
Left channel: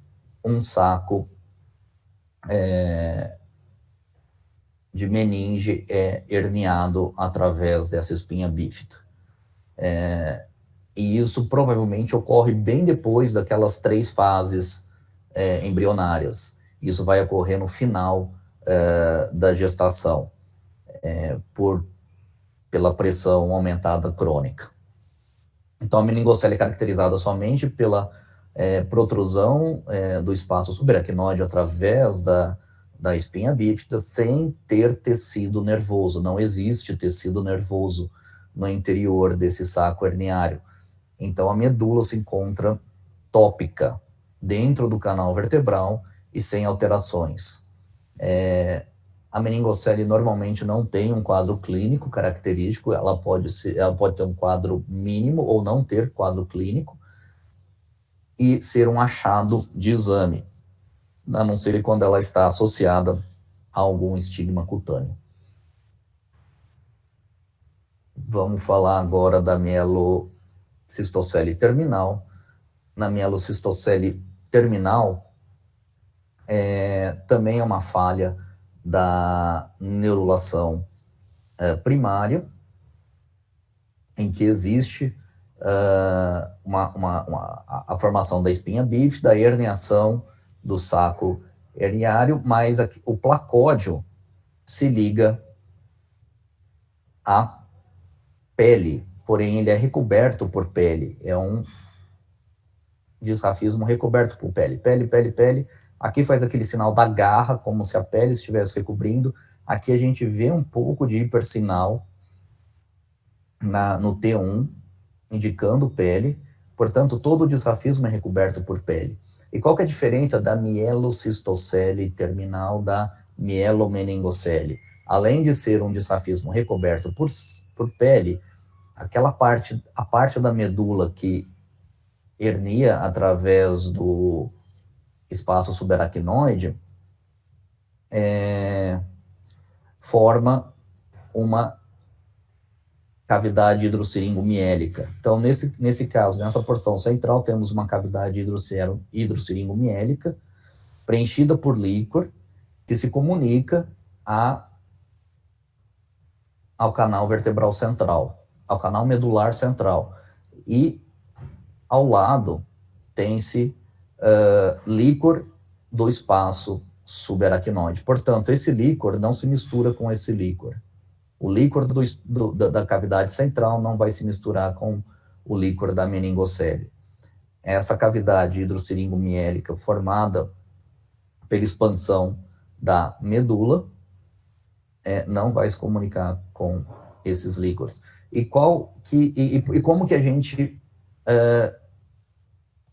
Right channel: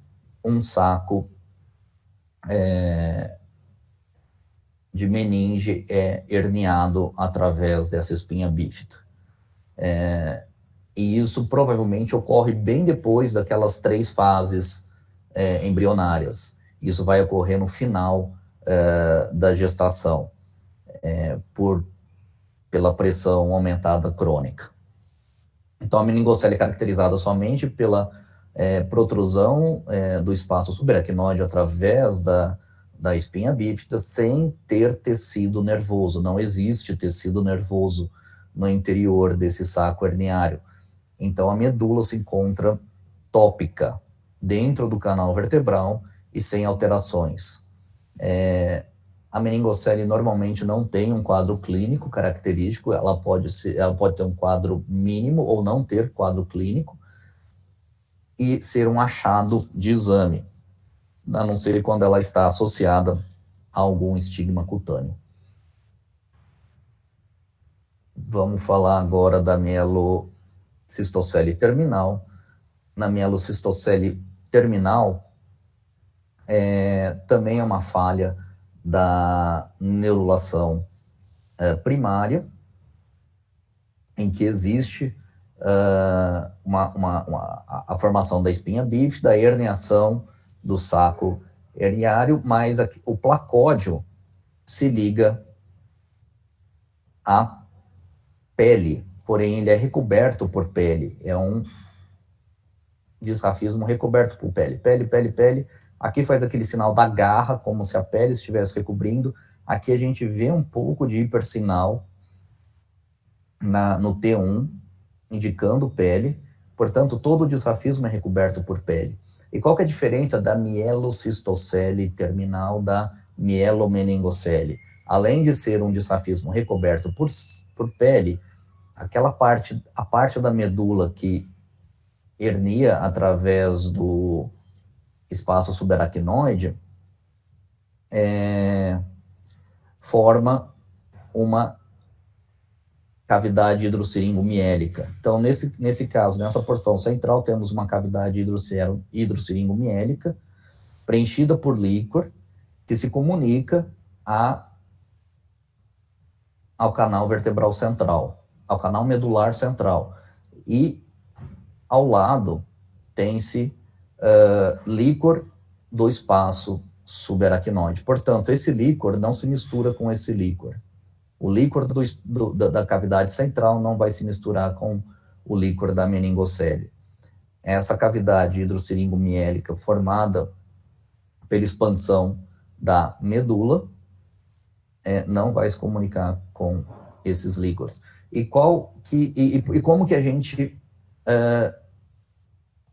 um saco de meninge é herniado através dessa espinha bífida. E isso provavelmente ocorre bem depois daquelas 3 fases embrionárias. Isso vai ocorrer no final da gestação, pela pressão aumentada crônica. Então, a meningocele é caracterizada somente pela protrusão do espaço subaracnoide através da espinha bífida, sem ter tecido nervoso. Não existe tecido nervoso no interior desse saco herniário. Então, a medula se encontra tópica dentro do canal vertebral e sem alterações. A meningocele normalmente não tem um quadro clínico característico, ela pode ter um quadro mínimo ou não ter quadro clínico e ser um achado de exame, a não ser quando ela está associada a algum estigma cutâneo. Vamos falar agora da mielocistocele terminal. Na mielocistocele terminal, também é uma falha da neurulação primária, em que existe a formação da espinha bífida, a herniação do saco herniário, mas o placódio se liga à pele, porém ele é recoberto por pele, é um disrafismo recoberto por pele. Pele. Aqui faz aquele sinal da garra, como se a pele estivesse recobrindo. Aqui a gente vê um pouco de hipersinal no T1, indicando pele. Portanto, todo o disrafismo é recoberto por pele. E qual que é a diferença da mielocistocele terminal da mielomeningocele? Além de ser um disrafismo recoberto por pele, a parte da medula que hernia através do espaço subaracnoide forma uma cavidade hidrossiringomiélica. Então, nesse caso, nessa porção central, temos uma cavidade hidrossiringomiélica preenchida por líquor que se comunica ao canal vertebral central, ao canal medular central. E ao lado tem-se líquor do espaço subaracnoide. Portanto, esse líquor não se mistura com esse líquor. O líquor da cavidade central não vai se misturar com o líquor da meningocele. Essa cavidade hidrossiringomiélica formada pela expansão da medula não vai se comunicar com esses líquores. E como que a gente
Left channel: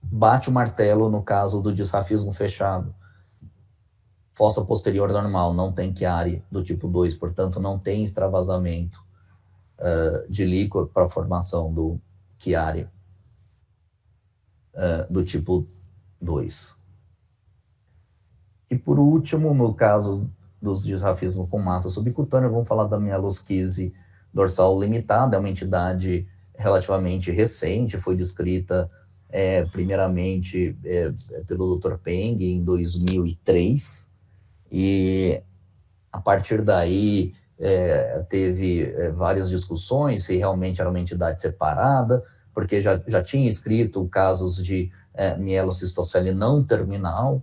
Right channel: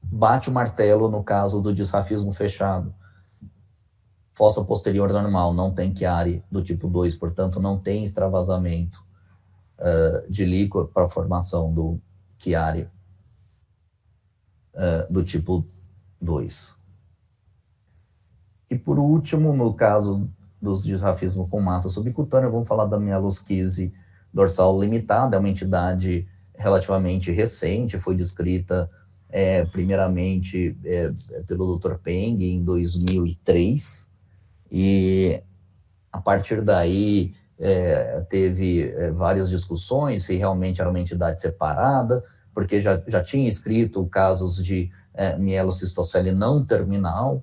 bate o martelo no caso do disrafismo fechado? fossa posterior normal, não tem Chiari do tipo 2, portanto, não tem extravasamento de líquor para a formação do Chiari do tipo 2. E por último, no caso dos disrafismos com massa subcutânea, vamos falar da mielosquise dorsal limitada, é uma entidade relativamente recente, foi descrita primeiramente pelo Dr. Peng em 2003, e a partir daí teve várias discussões se realmente era uma entidade separada, porque já tinha escrito casos de mielocistocele não terminal,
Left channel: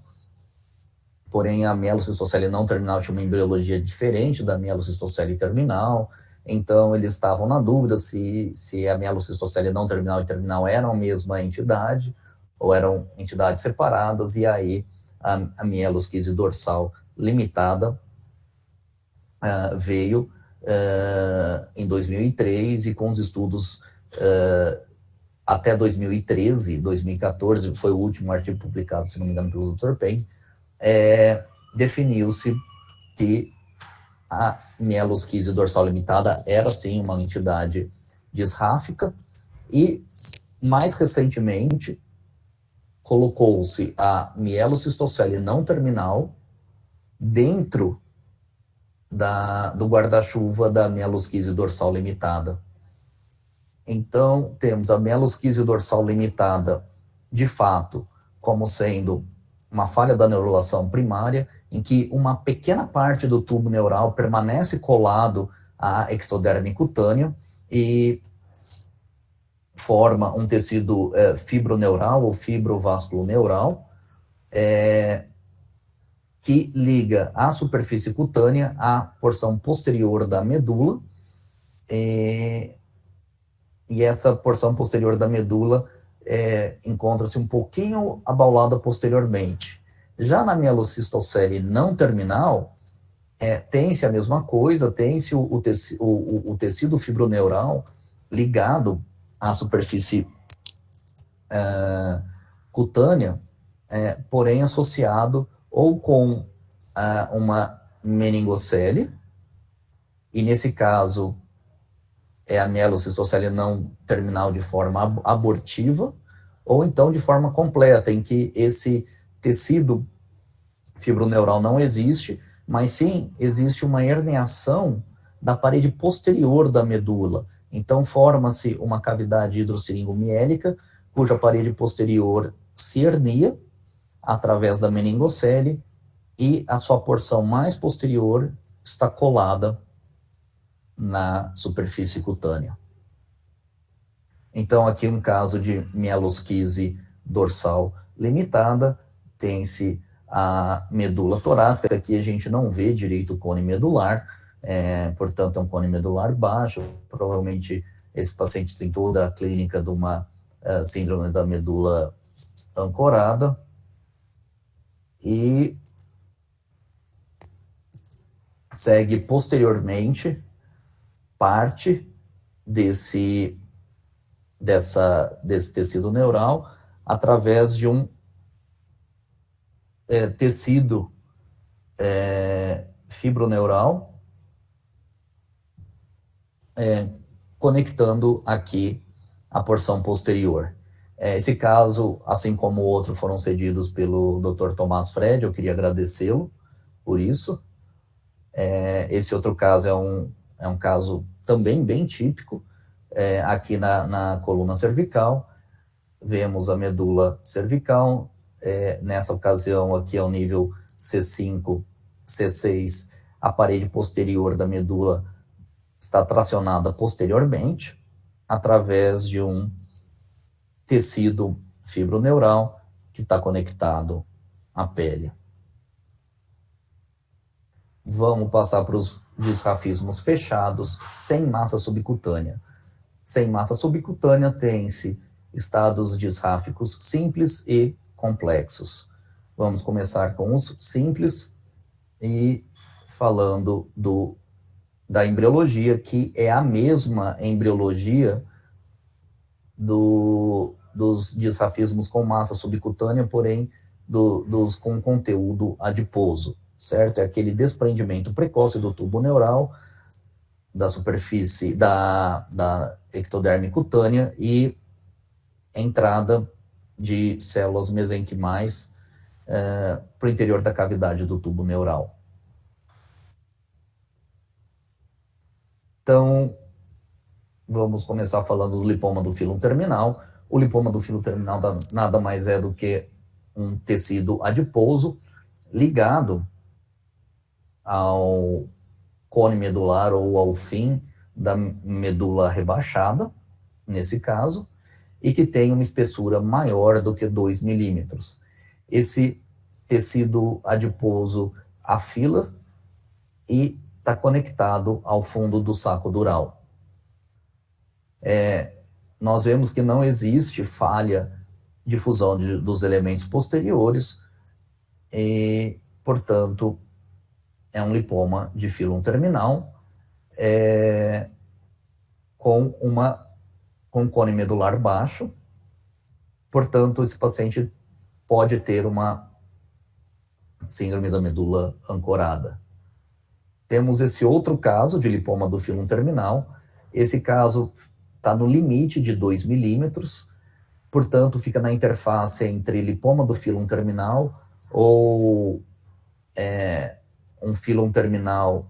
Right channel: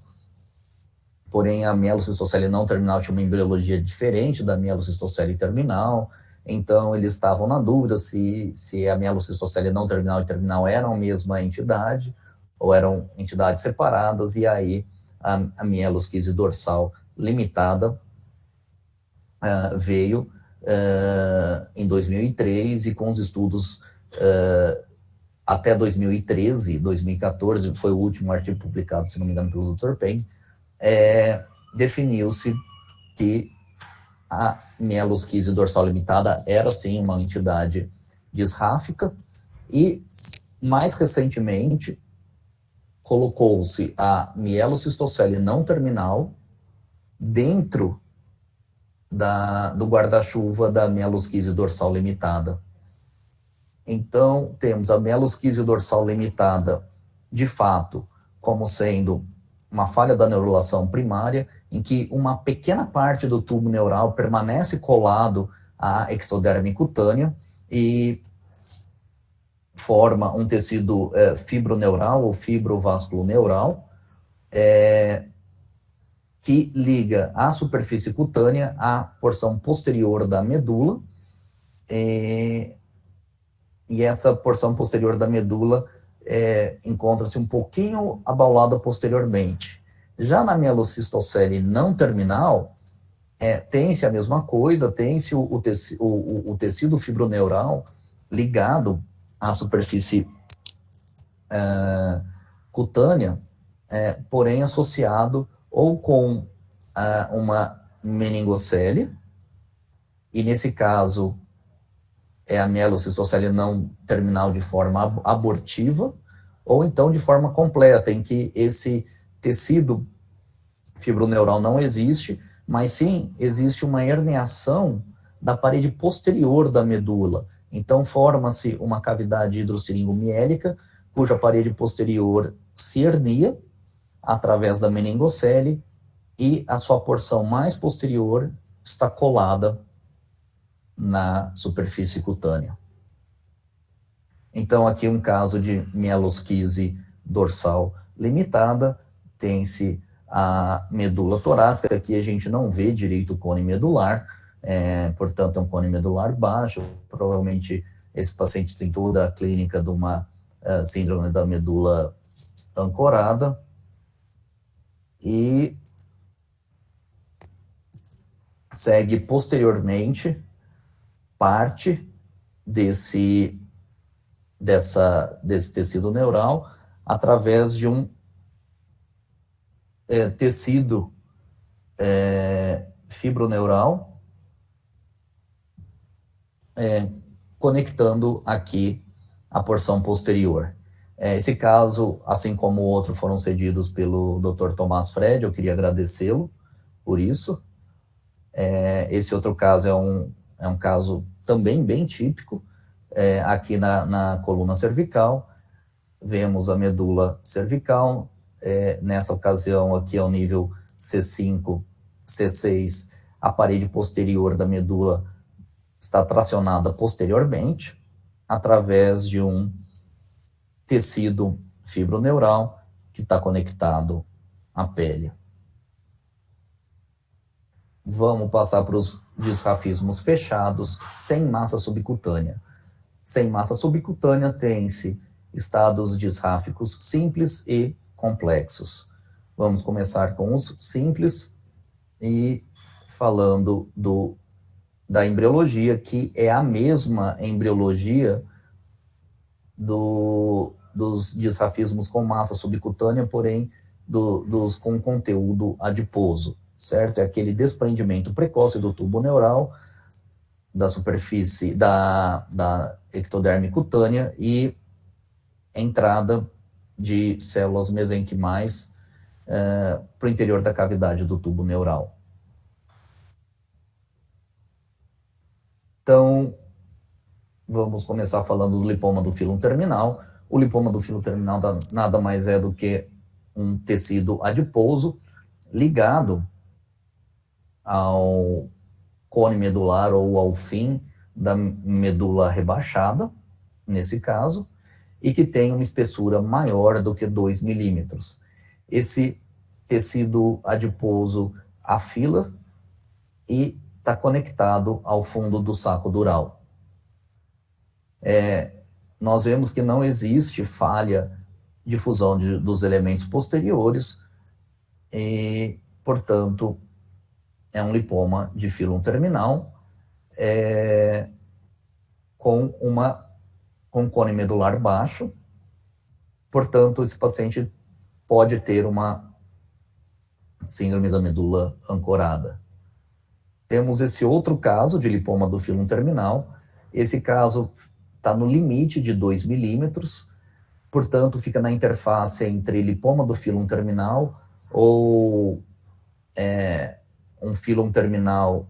porém a mielocistocele não terminal tinha uma embriologia diferente da mielocistocele terminal, então eles estavam na dúvida se a mielocistocele não terminal e terminal eram a mesma entidade, ou eram entidades separadas, e aí a mielosquise dorsal limitada veio em 2003, e com os estudos até 2013, 2014, foi o último artigo publicado, se não me engano, pelo Dr. Peng, definiu-se que a mielosquise dorsal limitada era, sim, uma entidade disráfica, e, mais recentemente, colocou-se a mielocistocele não terminal dentro do guarda-chuva da mielosquise dorsal limitada. Então, temos a mielosquise dorsal limitada, de fato, como sendo uma falha da neurulação primária, em que uma pequena parte do tubo neural permanece colado à ectoderme cutânea e forma um tecido fibroneural ou fibrovasculoneural, que liga a superfície cutânea à porção posterior da medula, e essa porção posterior da medula encontra-se um pouquinho abaulada posteriormente. Já na mielocistocele não terminal, tem-se a mesma coisa, tem-se o tecido fibroneural ligado à superfície cutânea, porém associado ou com uma meningocele, e nesse caso é a mielocistocele não terminal de forma abortiva, ou então de forma completa, em que esse tecido fibroneural não existe, mas sim existe uma herniação da parede posterior da medula. Então forma-se uma cavidade hidrosseringomiélica, cuja parede posterior se hernia através da meningocele, e a sua porção mais posterior está colada na superfície cutânea. Então, aqui um caso de mielosquise dorsal limitada, tem-se a medula torácica, aqui a gente não vê direito o cone medular, portanto é um cone medular baixo, provavelmente esse paciente tem toda a clínica de uma síndrome da medula ancorada, e segue posteriormente parte desse tecido neural através de um tecido fibroneural, conectando aqui a porção posterior. Esse caso, assim como o outro, foram cedidos pelo Dr. Tomás Fred, eu queria agradecê-lo por isso. Esse outro caso é um caso também bem típico, aqui na coluna cervical, vemos a medula cervical, nessa ocasião aqui ao nível C5, C6, a parede posterior da medula está tracionada posteriormente, através de um tecido fibroneural que está conectado à pele. Vamos passar para os disrafismos fechados, sem massa subcutânea. Sem massa subcutânea tem-se estados disráficos simples e complexos. Vamos começar com os simples e falando da embriologia, que é a mesma embriologia dos disrafismos com massa subcutânea, porém dos com conteúdo adiposo. certo? É aquele desprendimento precoce do tubo neural, da superfície, da ectoderme cutânea e entrada de células mesenquimais para o interior da cavidade do tubo neural. Então, vamos começar falando do lipoma do fílum terminal. O lipoma do fílum terminal nada mais é do que um tecido adiposo ligado ao cone medular ou ao fim da medula rebaixada, nesse caso, e que tem uma espessura maior do que 2 milímetros. Esse tecido adiposo afila e está conectado ao fundo do saco dural. Nós vemos que não existe falha de fusão dos elementos posteriores e, portanto, é um lipoma de fílum terminal com cone medular baixo. Portanto, esse paciente pode ter uma síndrome da medula ancorada. Temos esse outro caso de lipoma do fílum terminal. Esse caso está no limite de 2 milímetros, portanto, fica na interface entre lipoma do fílum terminal ou um fílum terminal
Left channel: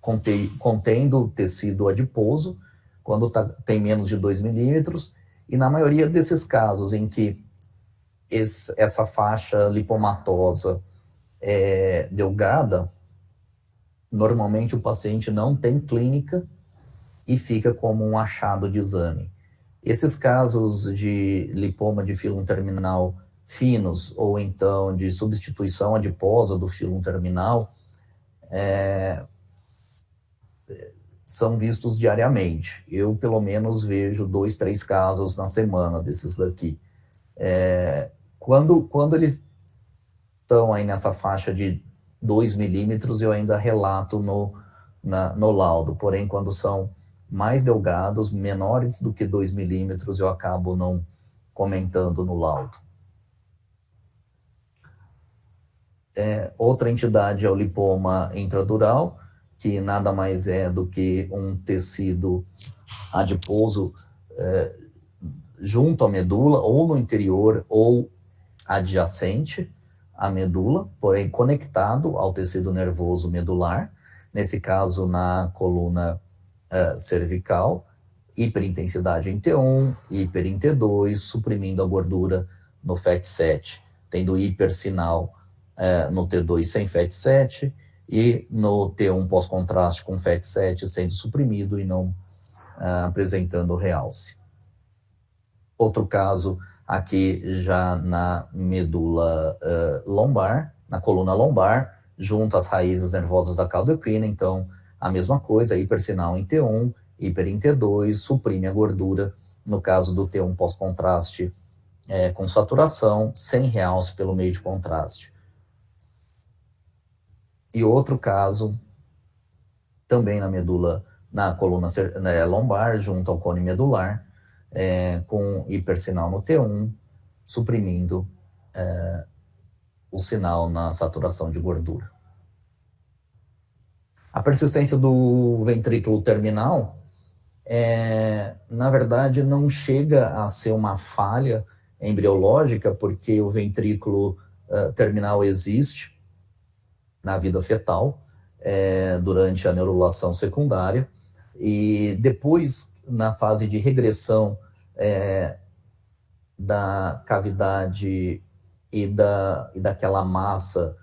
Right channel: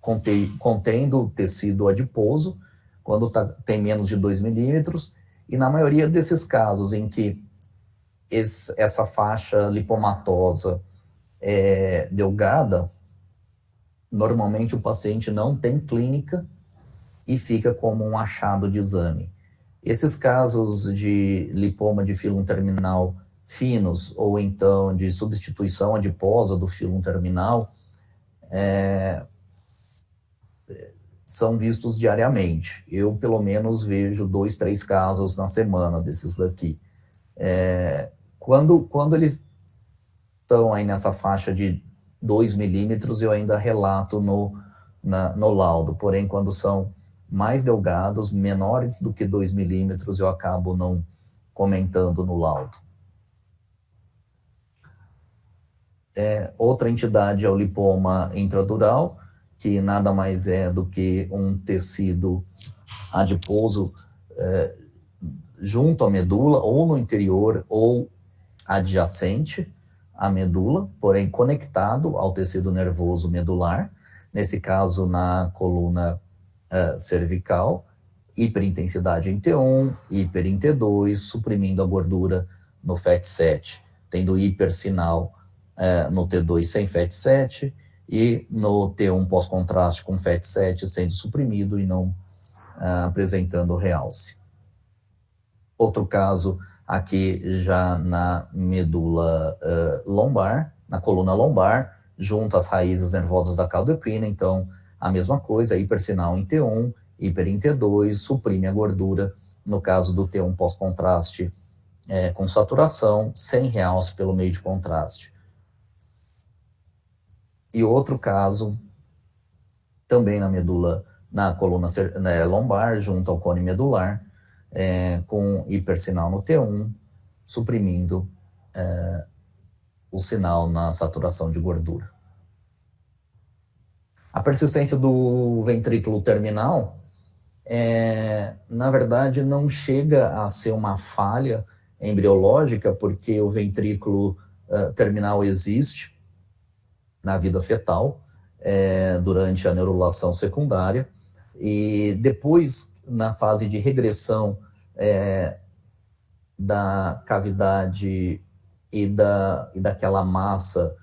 contendo tecido adiposo, quando tem menos de 2 milímetros, e na maioria desses casos em que essa faixa lipomatosa é delgada, normalmente o paciente não tem clínica e fica como um achado de exame. Esses casos de lipoma de fílum terminal finos, ou então de substituição adiposa do fílum terminal, são vistos diariamente. Eu, pelo menos, vejo 2, 3 casos na semana desses daqui. Quando eles estão aí nessa faixa de 2 milímetros, eu ainda relato no laudo. Porém, quando são mais delgados, menores do que 2 milímetros, eu acabo não comentando no laudo. Outra entidade é o lipoma intradural, que nada mais é do que um tecido adiposo junto à medula, ou no interior, ou adjacente à medula, porém conectado ao tecido nervoso medular, nesse caso na coluna cervical, hiperintensidade em T1, hiper em T2, suprimindo a gordura no FAT7, tendo hipersinal no T2 sem FAT7, e no T1 pós-contraste com FAT7 sendo suprimido e não apresentando realce. Outro caso aqui já na medula lombar, na coluna lombar, junto às raízes nervosas da cauda equina. Então, a mesma coisa, hipersinal em T1, hiper em T2, suprime a gordura, no caso do T1 pós-contraste com saturação, sem realce pelo meio de contraste. E outro caso, também na medula, na coluna lombar, junto ao cone medular, com hipersinal no T1, suprimindo o sinal na saturação de gordura. A persistência do ventrículo terminal, na verdade, não chega a ser uma falha embriológica, porque o ventrículo terminal existe na vida fetal, durante a neurulação secundária, e depois, na fase de regressão da cavidade e daquela massa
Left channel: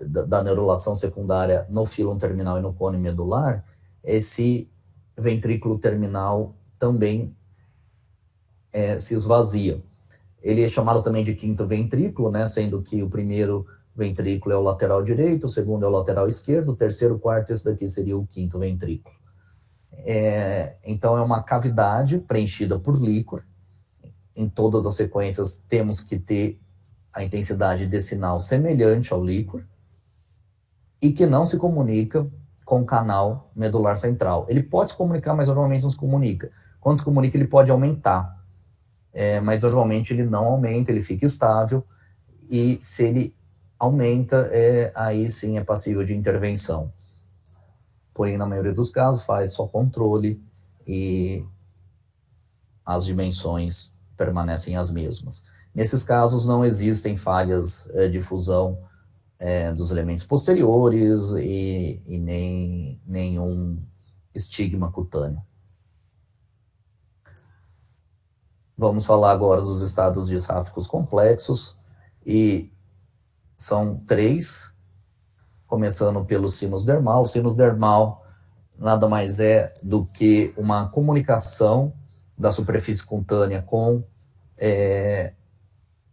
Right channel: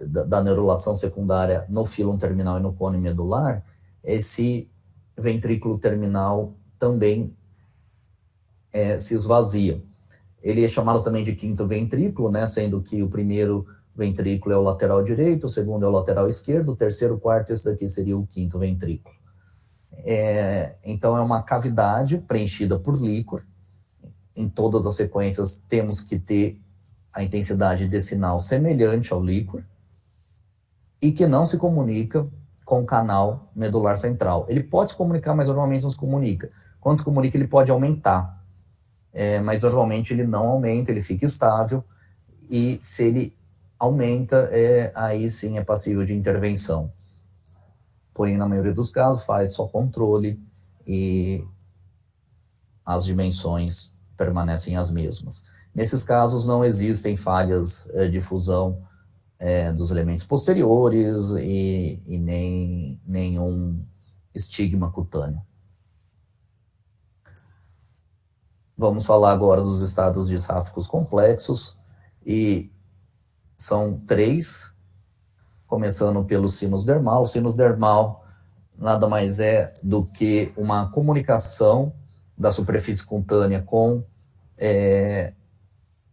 da neurulação secundária no fílum terminal e no cone medular, esse ventrículo terminal também se esvazia. Ele é chamado também de quinto ventrículo, né, sendo que o primeiro ventrículo é o lateral direito, o segundo é o lateral esquerdo, o terceiro, o quarto, esse daqui seria o quinto ventrículo. Então é uma cavidade preenchida por líquor. Em todas as sequências temos que ter a intensidade decinal semelhante ao líquor e que não se comunica com o canal medular central. Ele pode se comunicar, mas normalmente não se comunica. Quando se comunica, ele pode aumentar, mas normalmente ele não aumenta, ele fica estável, e se ele aumenta, aí sim é passível de intervenção. Porém, na maioria dos casos, faz só controle e as dimensões permanecem as mesmas. Nesses casos, não existem falhas de fusão dos elementos posteriores e nem nenhum estigma cutâneo. Vamos falar agora dos estados disráficos complexos, e são 3, começando pelo sinus dermal. O sinus dermal nada mais é do que uma comunicação da superfície cutânea com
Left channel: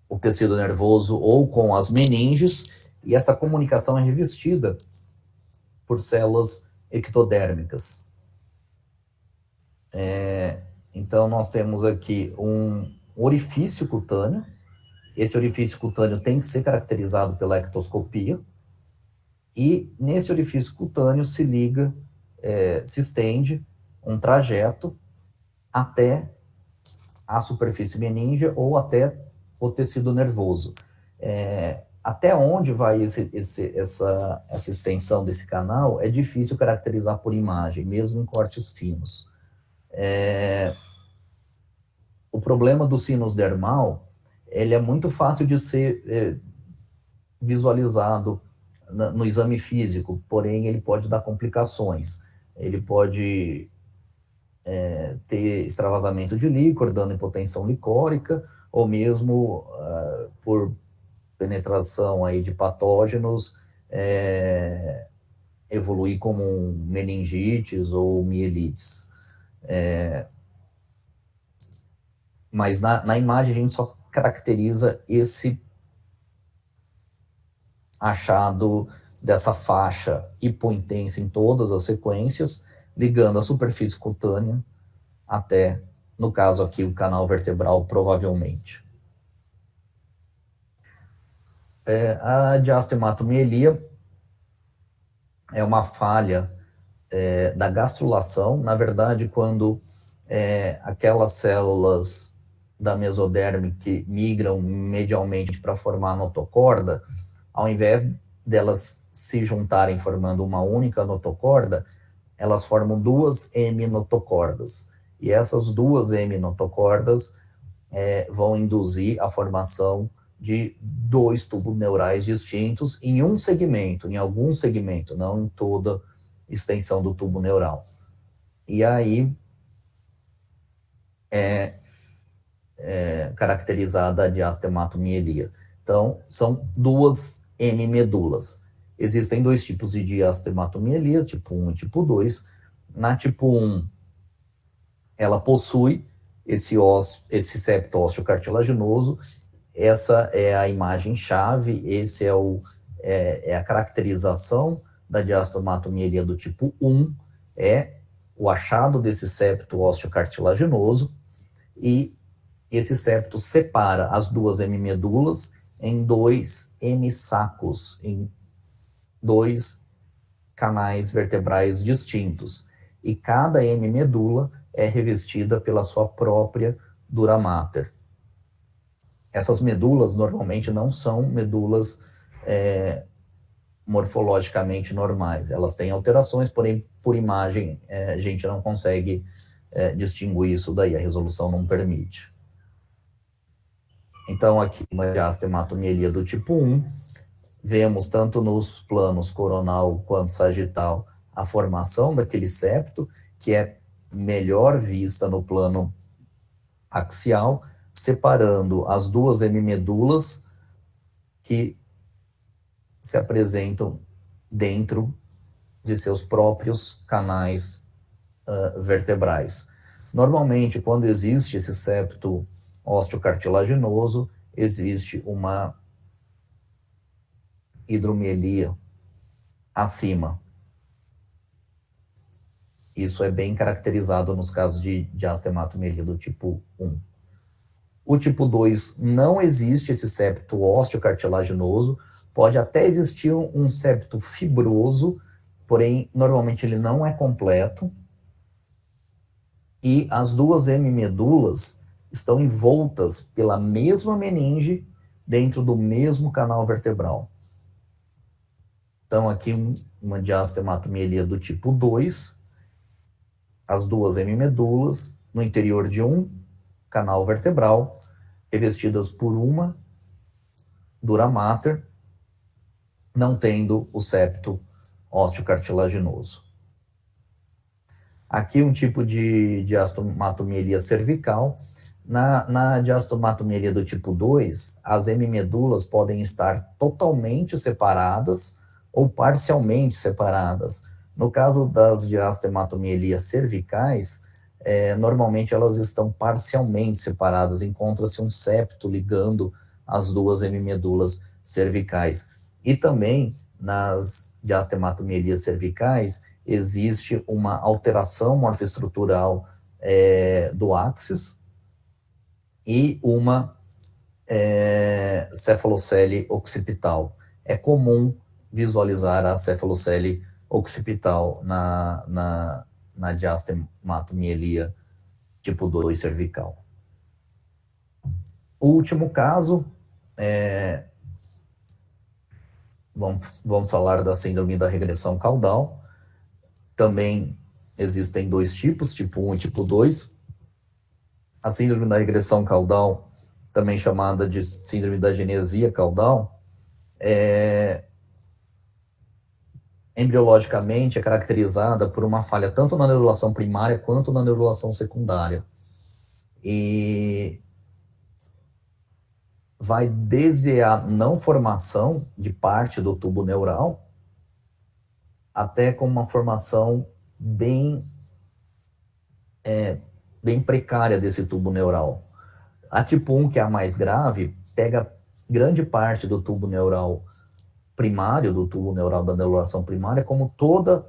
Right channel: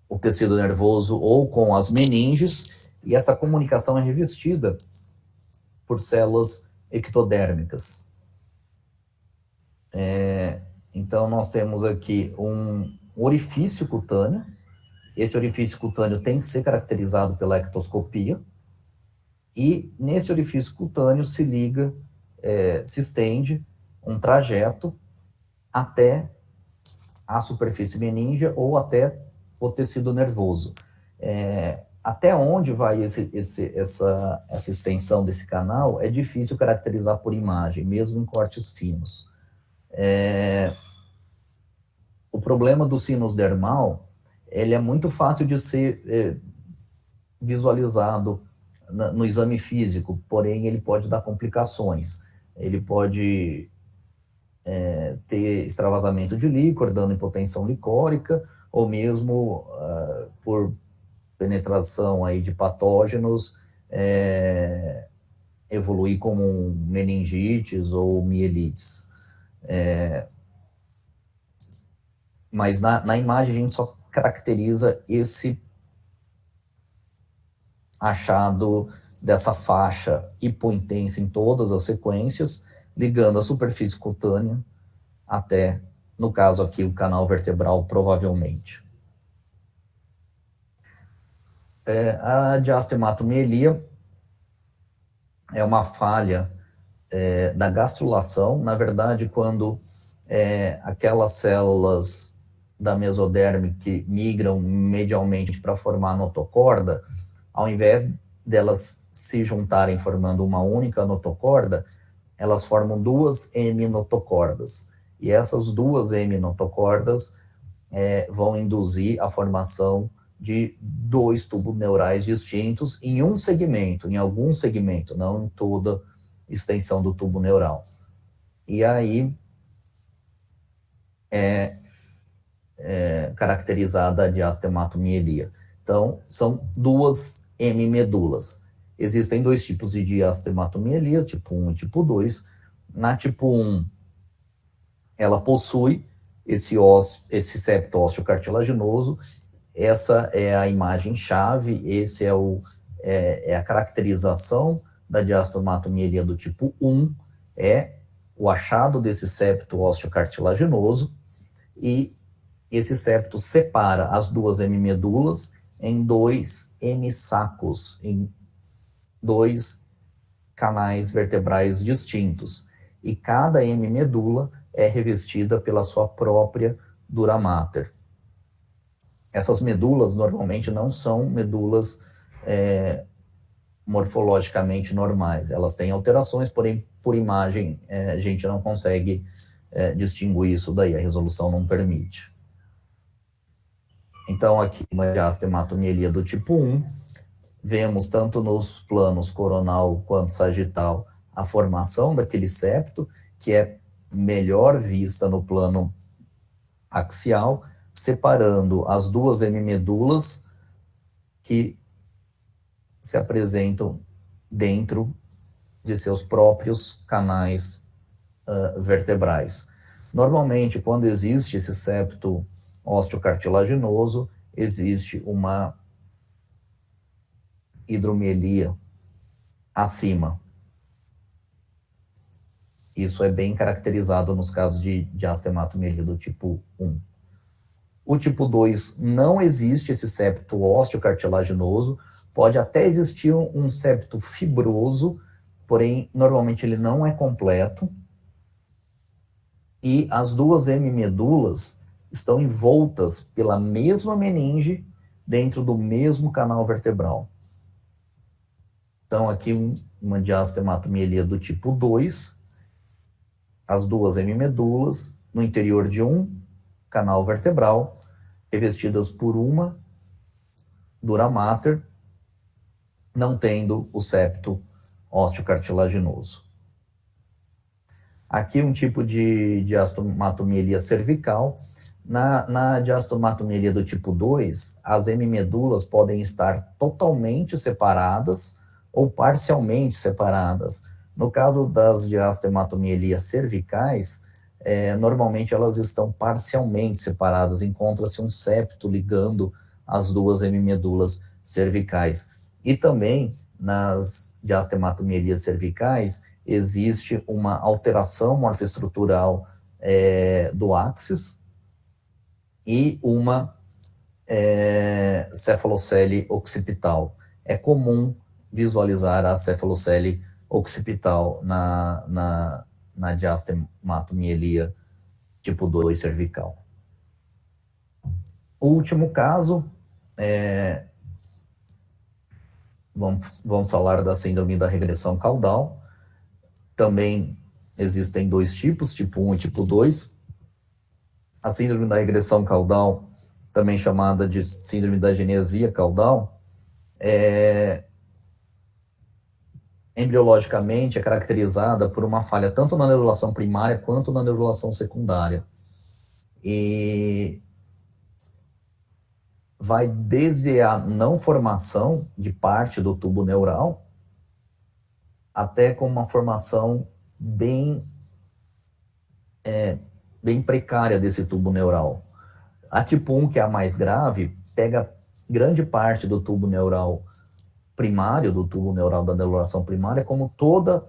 o tecido nervoso ou com as meninges, e essa comunicação é revestida por células ectodérmicas. Então, nós temos aqui um orifício cutâneo. Esse orifício cutâneo tem que ser caracterizado pela ectoscopia, e nesse orifício cutâneo se liga, se estende um trajeto até a superfície meningea ou até o tecido nervoso. Até onde vai essa extensão desse canal é difícil caracterizar por imagem, mesmo em cortes finos. O problema do sinus dermal, ele é muito fácil de ser visualizado no exame físico, porém ele pode dar complicações. Ele pode ter extravasamento de líquor, dando hipotensão licórica, ou mesmo por penetração aí de patógenos, evoluir como meningites ou mielites. Mas na imagem a gente só caracteriza esse achado dessa faixa hipointensa em todas as sequências, ligando a superfície cutânea até, no caso aqui, o canal vertebral, provavelmente. A diastematomielia é uma falha da gastrulação. Na verdade, quando aquelas células da mesoderme que migram medialmente para formar a notocorda, ao invés delas se juntarem formando uma única notocorda, elas formam 2 heminotocordas. E essas 2 heminotocordas vão induzir a formação de 2 tubos neurais distintos em um segmento, em algum segmento, não em toda extensão do tubo neural. E aí caracterizada a diastematomielia. Então, são 2 hemimedulas. Existem 2 tipos de diastematomielia, tipo 1 e tipo 2. Na tipo 1, ela possui esse septo ósseo cartilaginoso. Essa é a imagem-chave, esse é a caracterização da diastematomielia do tipo 1, é o achado desse septo ósseo cartilaginoso, e esse septo separa as 2 hemimedulas em 2 hemissacos, em 2 canais vertebrais distintos. E cada hemimedula é revestida pela sua própria dura mater. Essas medulas normalmente não são medulas morfologicamente normais. Elas têm alterações, porém, por imagem, a gente não consegue distinguir isso daí, a resolução não permite. Então, aqui, uma diastematomielia do tipo 1, vemos tanto nos planos coronal quanto sagital a formação daquele septo, que é melhor vista no plano axial, separando as 2 hemimedulas que se apresentam dentro de seus próprios canais vertebrais. Normalmente, quando existe esse septo osteocartilaginoso, existe uma hidromelia acima. Isso é bem caracterizado nos casos de diastematomielia do tipo 1. O tipo 2 não existe esse septo osteocartilaginoso, pode até existir um septo fibroso, porém, normalmente ele não é completo, e as 2 hemimedulas estão envoltas pela mesma meninge dentro do mesmo canal vertebral. Então, aqui uma diastematomielia do tipo 2, as duas hemimedulas no interior de um canal vertebral, revestidas por uma dura mater, não tendo o septo osteocartilaginoso. Aqui um tipo de diastomatomielia cervical. Na diastomatomielia do tipo 2, as hemimedulas podem estar totalmente separadas ou parcialmente separadas. No caso das diastomatomelias cervicais, normalmente elas estão parcialmente separadas, encontra-se um septo ligando as duas hemimedulas cervicais. E também nas diastematomelias cervicais existe uma alteração morfoestrutural do áxis e uma cefalocele occipital. É comum visualizar a cefalocele occipital na diastematomielia tipo 2 cervical. O último caso, vamos falar da síndrome da regressão caudal. Também existem dois tipos, tipo 1 e tipo 2. A síndrome da regressão caudal, também chamada de síndrome da genesia caudal, embriologicamente é caracterizada por uma falha tanto na neurulação primária quanto na neurulação secundária. E vai desde a não formação de parte do tubo neural até com uma formação bem precária desse tubo neural. A tipo 1, que é a mais grave, pega grande parte do tubo neural primário, do tubo neural da neurulação primária, como toda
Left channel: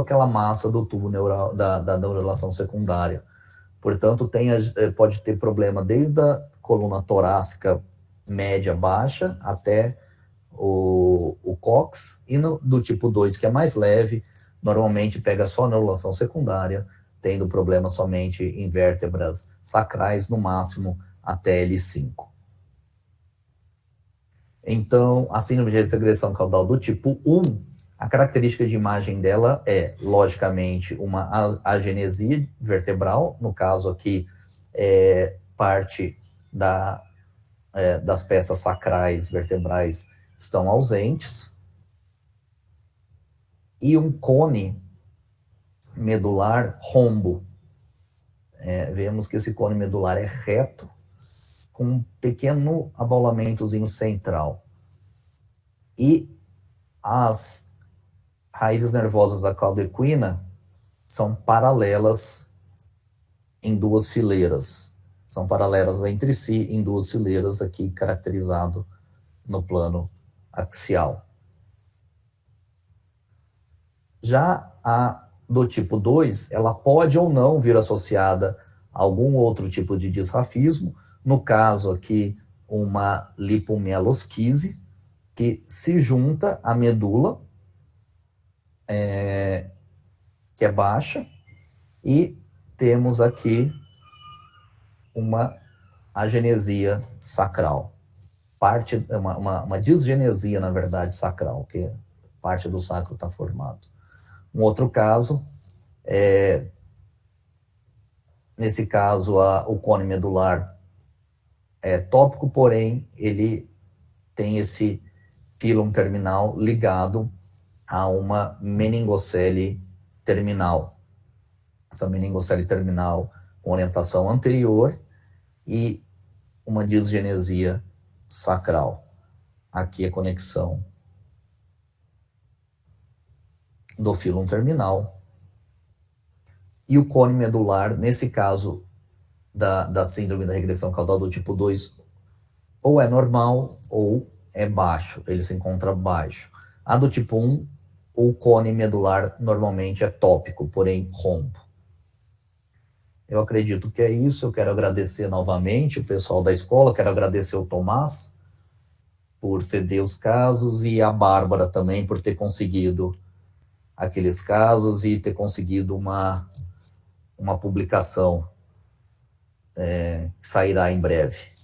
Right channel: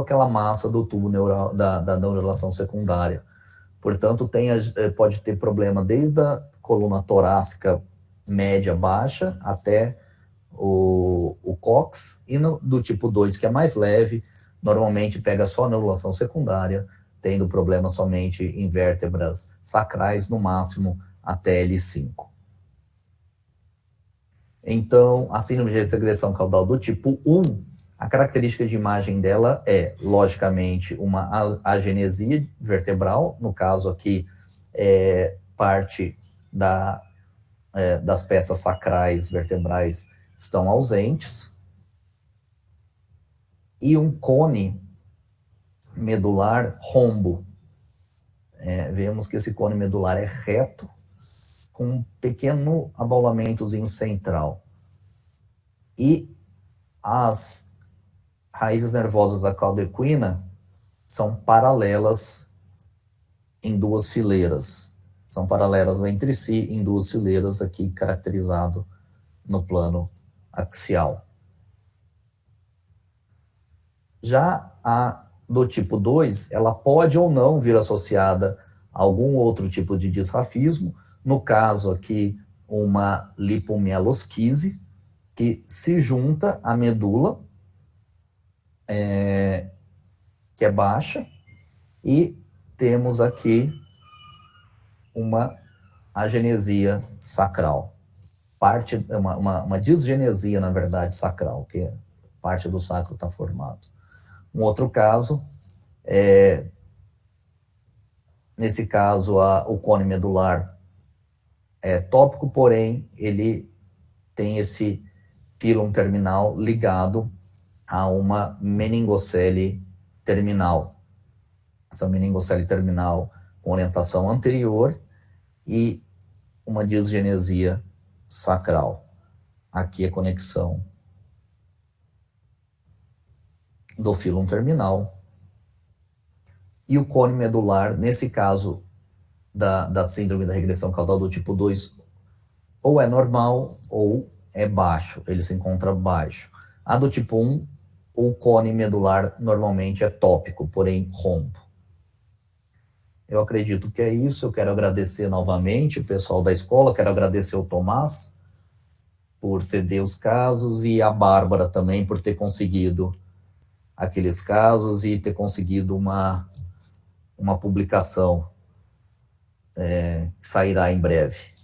aquela massa do tubo neural da neurulação secundária. Portanto, pode ter problema desde a coluna torácica média baixa até o cóccix, e do tipo 2, que é mais leve, normalmente pega só a neurulação secundária, tendo problema somente em vértebras sacrais, no máximo até L5. Então, a síndrome de regressão caudal do tipo 1, a característica de imagem dela é, logicamente, uma agenesia vertebral, no caso aqui, parte das peças sacrais vertebrais estão ausentes, e um cone medular rombo. Vemos que esse cone medular é reto, com um pequeno abaulamentozinho central. E as raízes nervosas da cauda equina são paralelas em duas fileiras. São paralelas entre si em duas fileiras, aqui caracterizado no plano axial. Já a do tipo 2, ela pode ou não vir associada a algum outro tipo de disrafismo, no caso aqui, uma lipomielosquise, que se junta à medula, que é baixa, e temos aqui uma agenesia sacral. Uma disgenesia, na verdade, sacral, que parte do sacro está formado. Um outro caso, nesse caso, o cone medular é tópico, porém, ele tem esse pílon terminal ligado a uma meningocele terminal. Essa meningocele terminal com orientação anterior e uma disgenesia sacral. Aqui a conexão do fílon terminal. E o cone medular, nesse caso da síndrome da regressão caudal do tipo 2, ou é normal ou é baixo, ele se encontra baixo. A do tipo 1, o cone medular normalmente é tópico, porém rombo. Eu acredito que é isso. Eu quero agradecer novamente o pessoal da escola, quero agradecer o Tomás por ceder os casos e a Bárbara também por ter conseguido aqueles casos e ter conseguido uma publicação que sairá em breve.